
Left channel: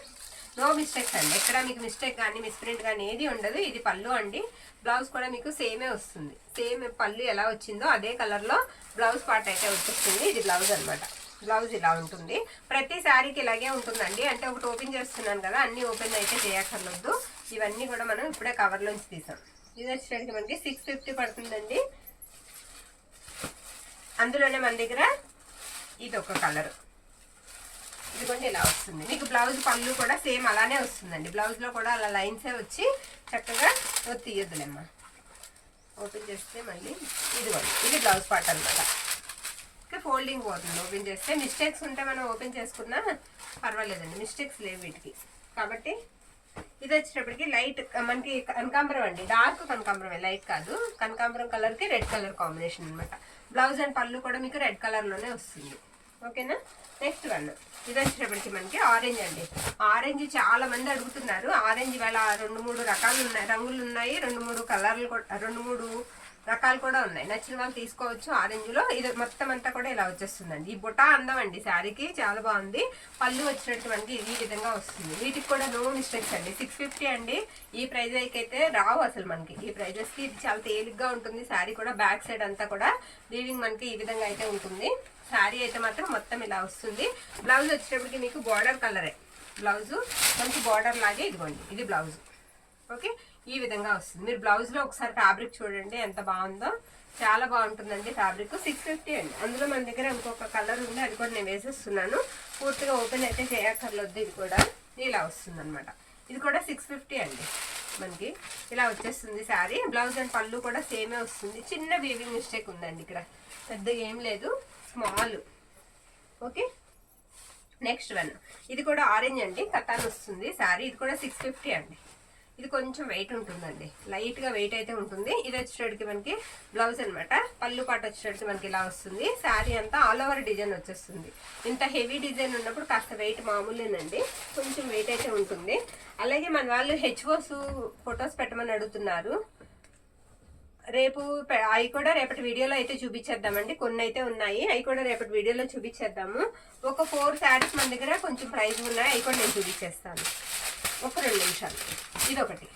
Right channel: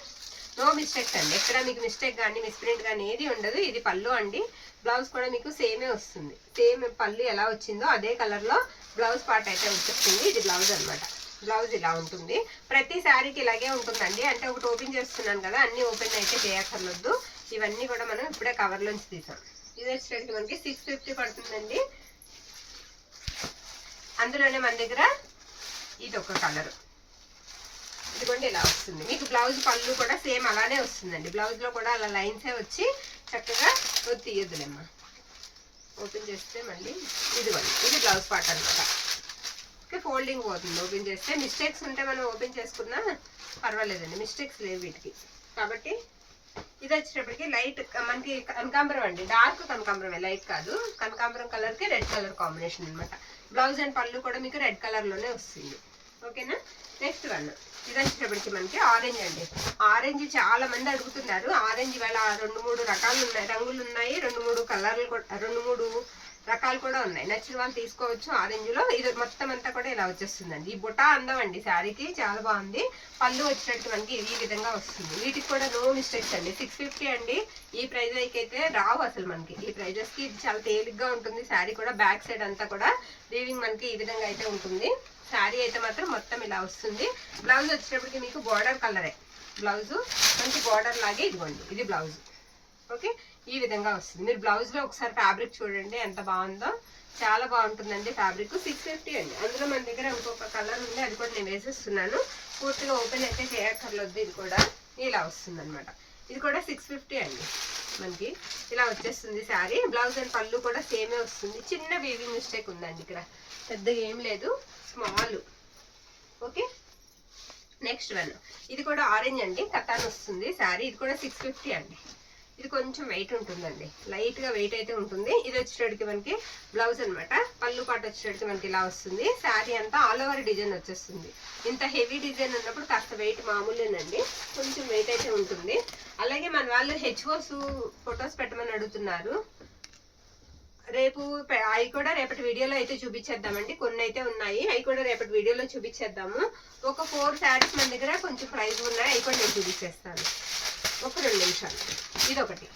నో మిస్టేక్స్ అండి, ఎక్కడ మీకు మిస్టేక్ కానీ మిస్ప్రింట్ కానీ ఏది ఉండదు. ఇది పళ్ళు అండి, బ్లౌజ్ కూడా మీకు సేమే వస్తుంది. సేమ్ పళ్ళు ఎలా వచ్చిందో అదే కలర్లో బ్లౌజ్ పార్ట్ అయితే వచ్చేస్తుంది. ఇది బ్లౌజ్ అనమాట, బ్లౌజ్ ఇలా ఉంటుంది. ప్రతి శారీకి ఇలాగే ఉంటుందండి. అంటే ఒకటి ఓపెన్ చేస్తున్నాను కదా, అన్నీ ఓపెన్ అయితే చేయక్కర్లొద్దు. ఇవన్నీ కూడా మనం ఇప్పుడే కవర్లోంచి తీసాం. ఇది వచ్చేసరికి మనకి 650 పడుతుందండి. అందులోనే మన దగ్గర ఇది ఒక కలర్, ఇదిగోండి ఇలా వస్తుంది. మీకు బ్లౌజ్ పళ్ళు కూడా సేమ్ అలానే వస్తుందండి. బ్లౌజ్లో కూడా అలా లైన్సే వచ్చి చక్కగా తీయద్దులేమ్మా, ఓపెన్ చేస్తే మళ్ళీ ఇదిగోండి, ఇది బ్లౌజ్ పార్ట్ అనమాట. ఫోల్డింగ్ పోతుంది ఓపెన్ చేస్తే. మిస్టేక్స్ ఉంటే మనం ఓపెన్ చేసుకున్నా పర్వాలేదండి, మిస్టేక్స్ లేవు వీటికి. కాబట్టి ఇది వచ్చేటప్పటికి లైట్ మనకి కనకాంబరం అండి, డార్క్ కనకాంబరమే, లైట్ కాదు. కనకాంబరం కలర్కి రెడ్ కలర్ కాంబినేషన్ అనమాట. బ్లౌజ్ అండ్ పళ్ళు కూడా మీకు రెడ్ కలర్లోనే వస్తుంది. ఓకేనా. నెక్స్ట్ వన్, ఇది వచ్చేటప్పటికి మనకి ఆరెంజ్ అండి. ఆరెంజ్ చాలా మంది అడుగుతున్నారు. ఆరెంజ్ ఇవాళ 2-3 రకాలు ఉన్నాయి, రంగులు ఉన్నాయి, 2-3 కలర్లు కూడా, 2-3 రకాలు కూడా ఉన్నాయి. నచ్చిన వాళ్ళు తీసుకోవచ్చు. ఆరెంజ్లో ఇది మొత్తం అంతా కూడా ఇలా వచ్చేస్తుందండి. ఈ బుటా అందం అండి శారీకి, చాలా బాగుంది. పళ్ళు వచ్చినట్టు మనకి ఈ విధంగా వస్తుంది. వీటికి కూడా నో మిస్టేక్స్ అండి, 650 అండి. ఈ ప్రైజ్ అయితే రావు అసలు మనకి. ఈ ప్రైజెస్కి చాలా తేలిగ్గా ఉంటుంది శారీ కూడా. బ్యాక్ సైడ్ అంతా కూడా వీవింగ్ మనకి ఈ విధంగా అయితే ఉంటుంది. శారీ అయితే మాత్రం మొత్తం ఇలా వస్తుంది. బ్లౌజ్ వచ్చేటప్పటికి మీకు బార్డర్ కలరే, బ్లౌజు మంచి బార్డర్ లాగే. ఇదిగోండి, ఇది బ్లౌజ్. ఓకే, ఈ విధంగా వస్తుంది. మీరు బ్లౌజ్లో ఒకసారి ఫ్యాబ్రిక్ చూడండి ఎంత బాగుందో, చాలా బాగుంటుందండి ఫ్యాబ్రిక్. 650 అండి. అందులో మన దగ్గర ఇంకొక కలర్ ఉంది, అది కూడా నేను వేసేస్తున్నాను. పూర్తిగా ఓపెన్ అయితే చేయక్కర్లొద్దు. ఇది కూడా ఇలా వస్తుంది అనమాట. ఇది కూడా 650 అండి. మనకి ఇలా వచ్చేస్తుంది శారీ. బ్లౌజ్ అండ్ పళ్ళు కూడా సేమే వస్తుంది. చిన్న వీవింగ్ మిస్టేక్ ఉందండి ఇక్కడ, పెద్దగా ఏం లేదు, స్మాల్. ఓకే, నెక్స్ట్ వన్, ఇది కూడా ఆరెంజ్ అండి, కతాన్ వస్తుంది శారీ. ఇది కూడా 650 అండి. ఇది కొంచెం వెయిట్ ఉంటుందండి, లైట్గా వెయిట్ అయితే ఉంటుంది. ఇది వచ్చేటప్పటికి మనకి బ్లౌజ్ అనమాట. పళ్ళు పాటు వచ్చేటప్పటికి మనకి ఇలా వస్తుంది. శారీ అంతా ఆల్ ఓవర్ డిజైన్ వచ్చేస్తుంది. ఇంత హెవీ డిజైన్ ఉన్నప్పుడు కాస్త వెయిట్ మామూలేనండి, కొంచెం వెయిట్ అయితే ఉంటుంది. అలాగే మన వాళ్ళు హెచ్ఓస్ ఫొటోస్ పెట్టమని అడుగుతున్నారు. రేపు అవి కూడా రేపటి వీడియోలో అయితే చూపించేద్దామండి. కొన్ని అయితే ఉన్నాయి, అవి కూడా రేపటి వీడియోలో చూపించేద్దాము. ఒక 4 శారీస్ మన దగ్గర కొంచెం ప్రైస్ ఉన్నాయి, అవి కూడా నేను చూపించేస్తాను. ఒక 2 నిమిషాలు. ఇదొకటి,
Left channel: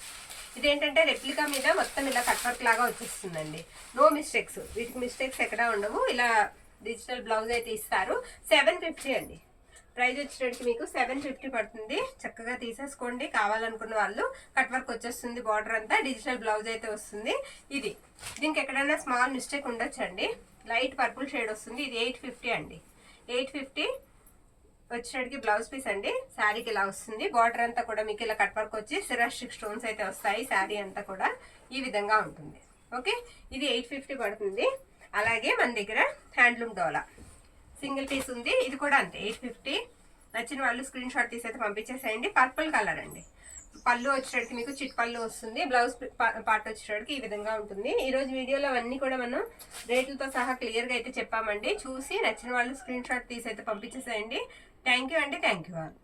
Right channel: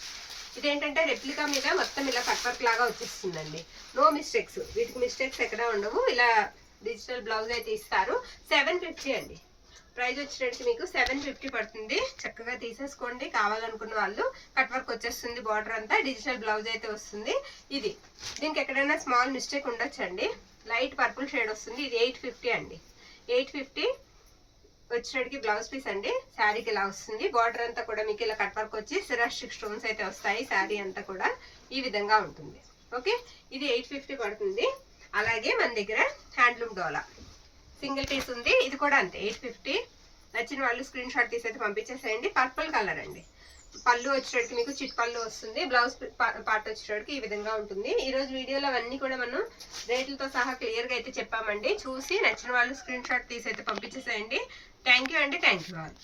ఇదేంటంటే రెప్లికా మీద మొత్తం ఇలా కట్ వర్క్ లాగా వచ్చేస్తుందండి. నో మిస్టేక్స్, వీటికి మిస్టేక్స్ ఎక్కడా ఉండవు. ఇలా డిజిటల్ బ్లౌజ్ అయితే ఇస్తారు. 750 అండి. ప్రైస్ వచ్చేటప్పటికి మీకు 750 పడుతుంది. చక్కగా తీసేసుకోండి కావాలనుకున్న వాళ్ళు. కట్ వర్క్ వచ్చేస్తుంది, బార్డర్ అంతా డిజిటల్ బ్లౌజ్ అయితే వస్తుంది. ఇది దీనికి ఎక్కడైనా స్మాల్ మిస్టేక్ ఉండొచ్చండి. లైట్ పర్పుల్ షేడ్ వస్తుంది. ఇది 850 అండి. 850 వచ్చేటికి బ్లౌజ్ పీస్ అండి. శారీకి ఇలా వస్తుంది. బార్డర్ అంతా కూడా మీకు ఇలా కట్ వర్క్ వచ్చి సిరాస్టిక్ స్టోన్స్ అయితే వస్తాయి. శారీ అంతా కూడా ఈ విధంగా ఉంటుంది. ఓకే, ఇది 850 పడుతుంది. అలాగే మన దగ్గర హ్యాండ్లూమ్ డోలా సింగిల్ పీస్ ఉంది, ఇది కూడా అంతే 850. నచ్చిన వాళ్ళు స్క్రీన్ షాట్ తీసి అయితే పంపించేసేయండి. పర్పుల్ కలర్ అండి. పళ్ళు వచ్చేటికి మీకు చిట్ పళ్ళు వస్తుంది. బ్లౌజ్ పార్ట్ వచ్చేటికి ఈ విధంగా ఉంటుంది. ఈరోజు వీడియోలో అవన్నీ కూడా మనం రేట్లతో సహా క్లియర్గా అయితే చెప్పామండి. చూసి నచ్చిన వాళ్ళు స్క్రీన్ షాట్ తీసి అయితే పంపించేసేయండి. థ్యాంక్ యూ అండి, థ్యాంక్ యూ ఆల్.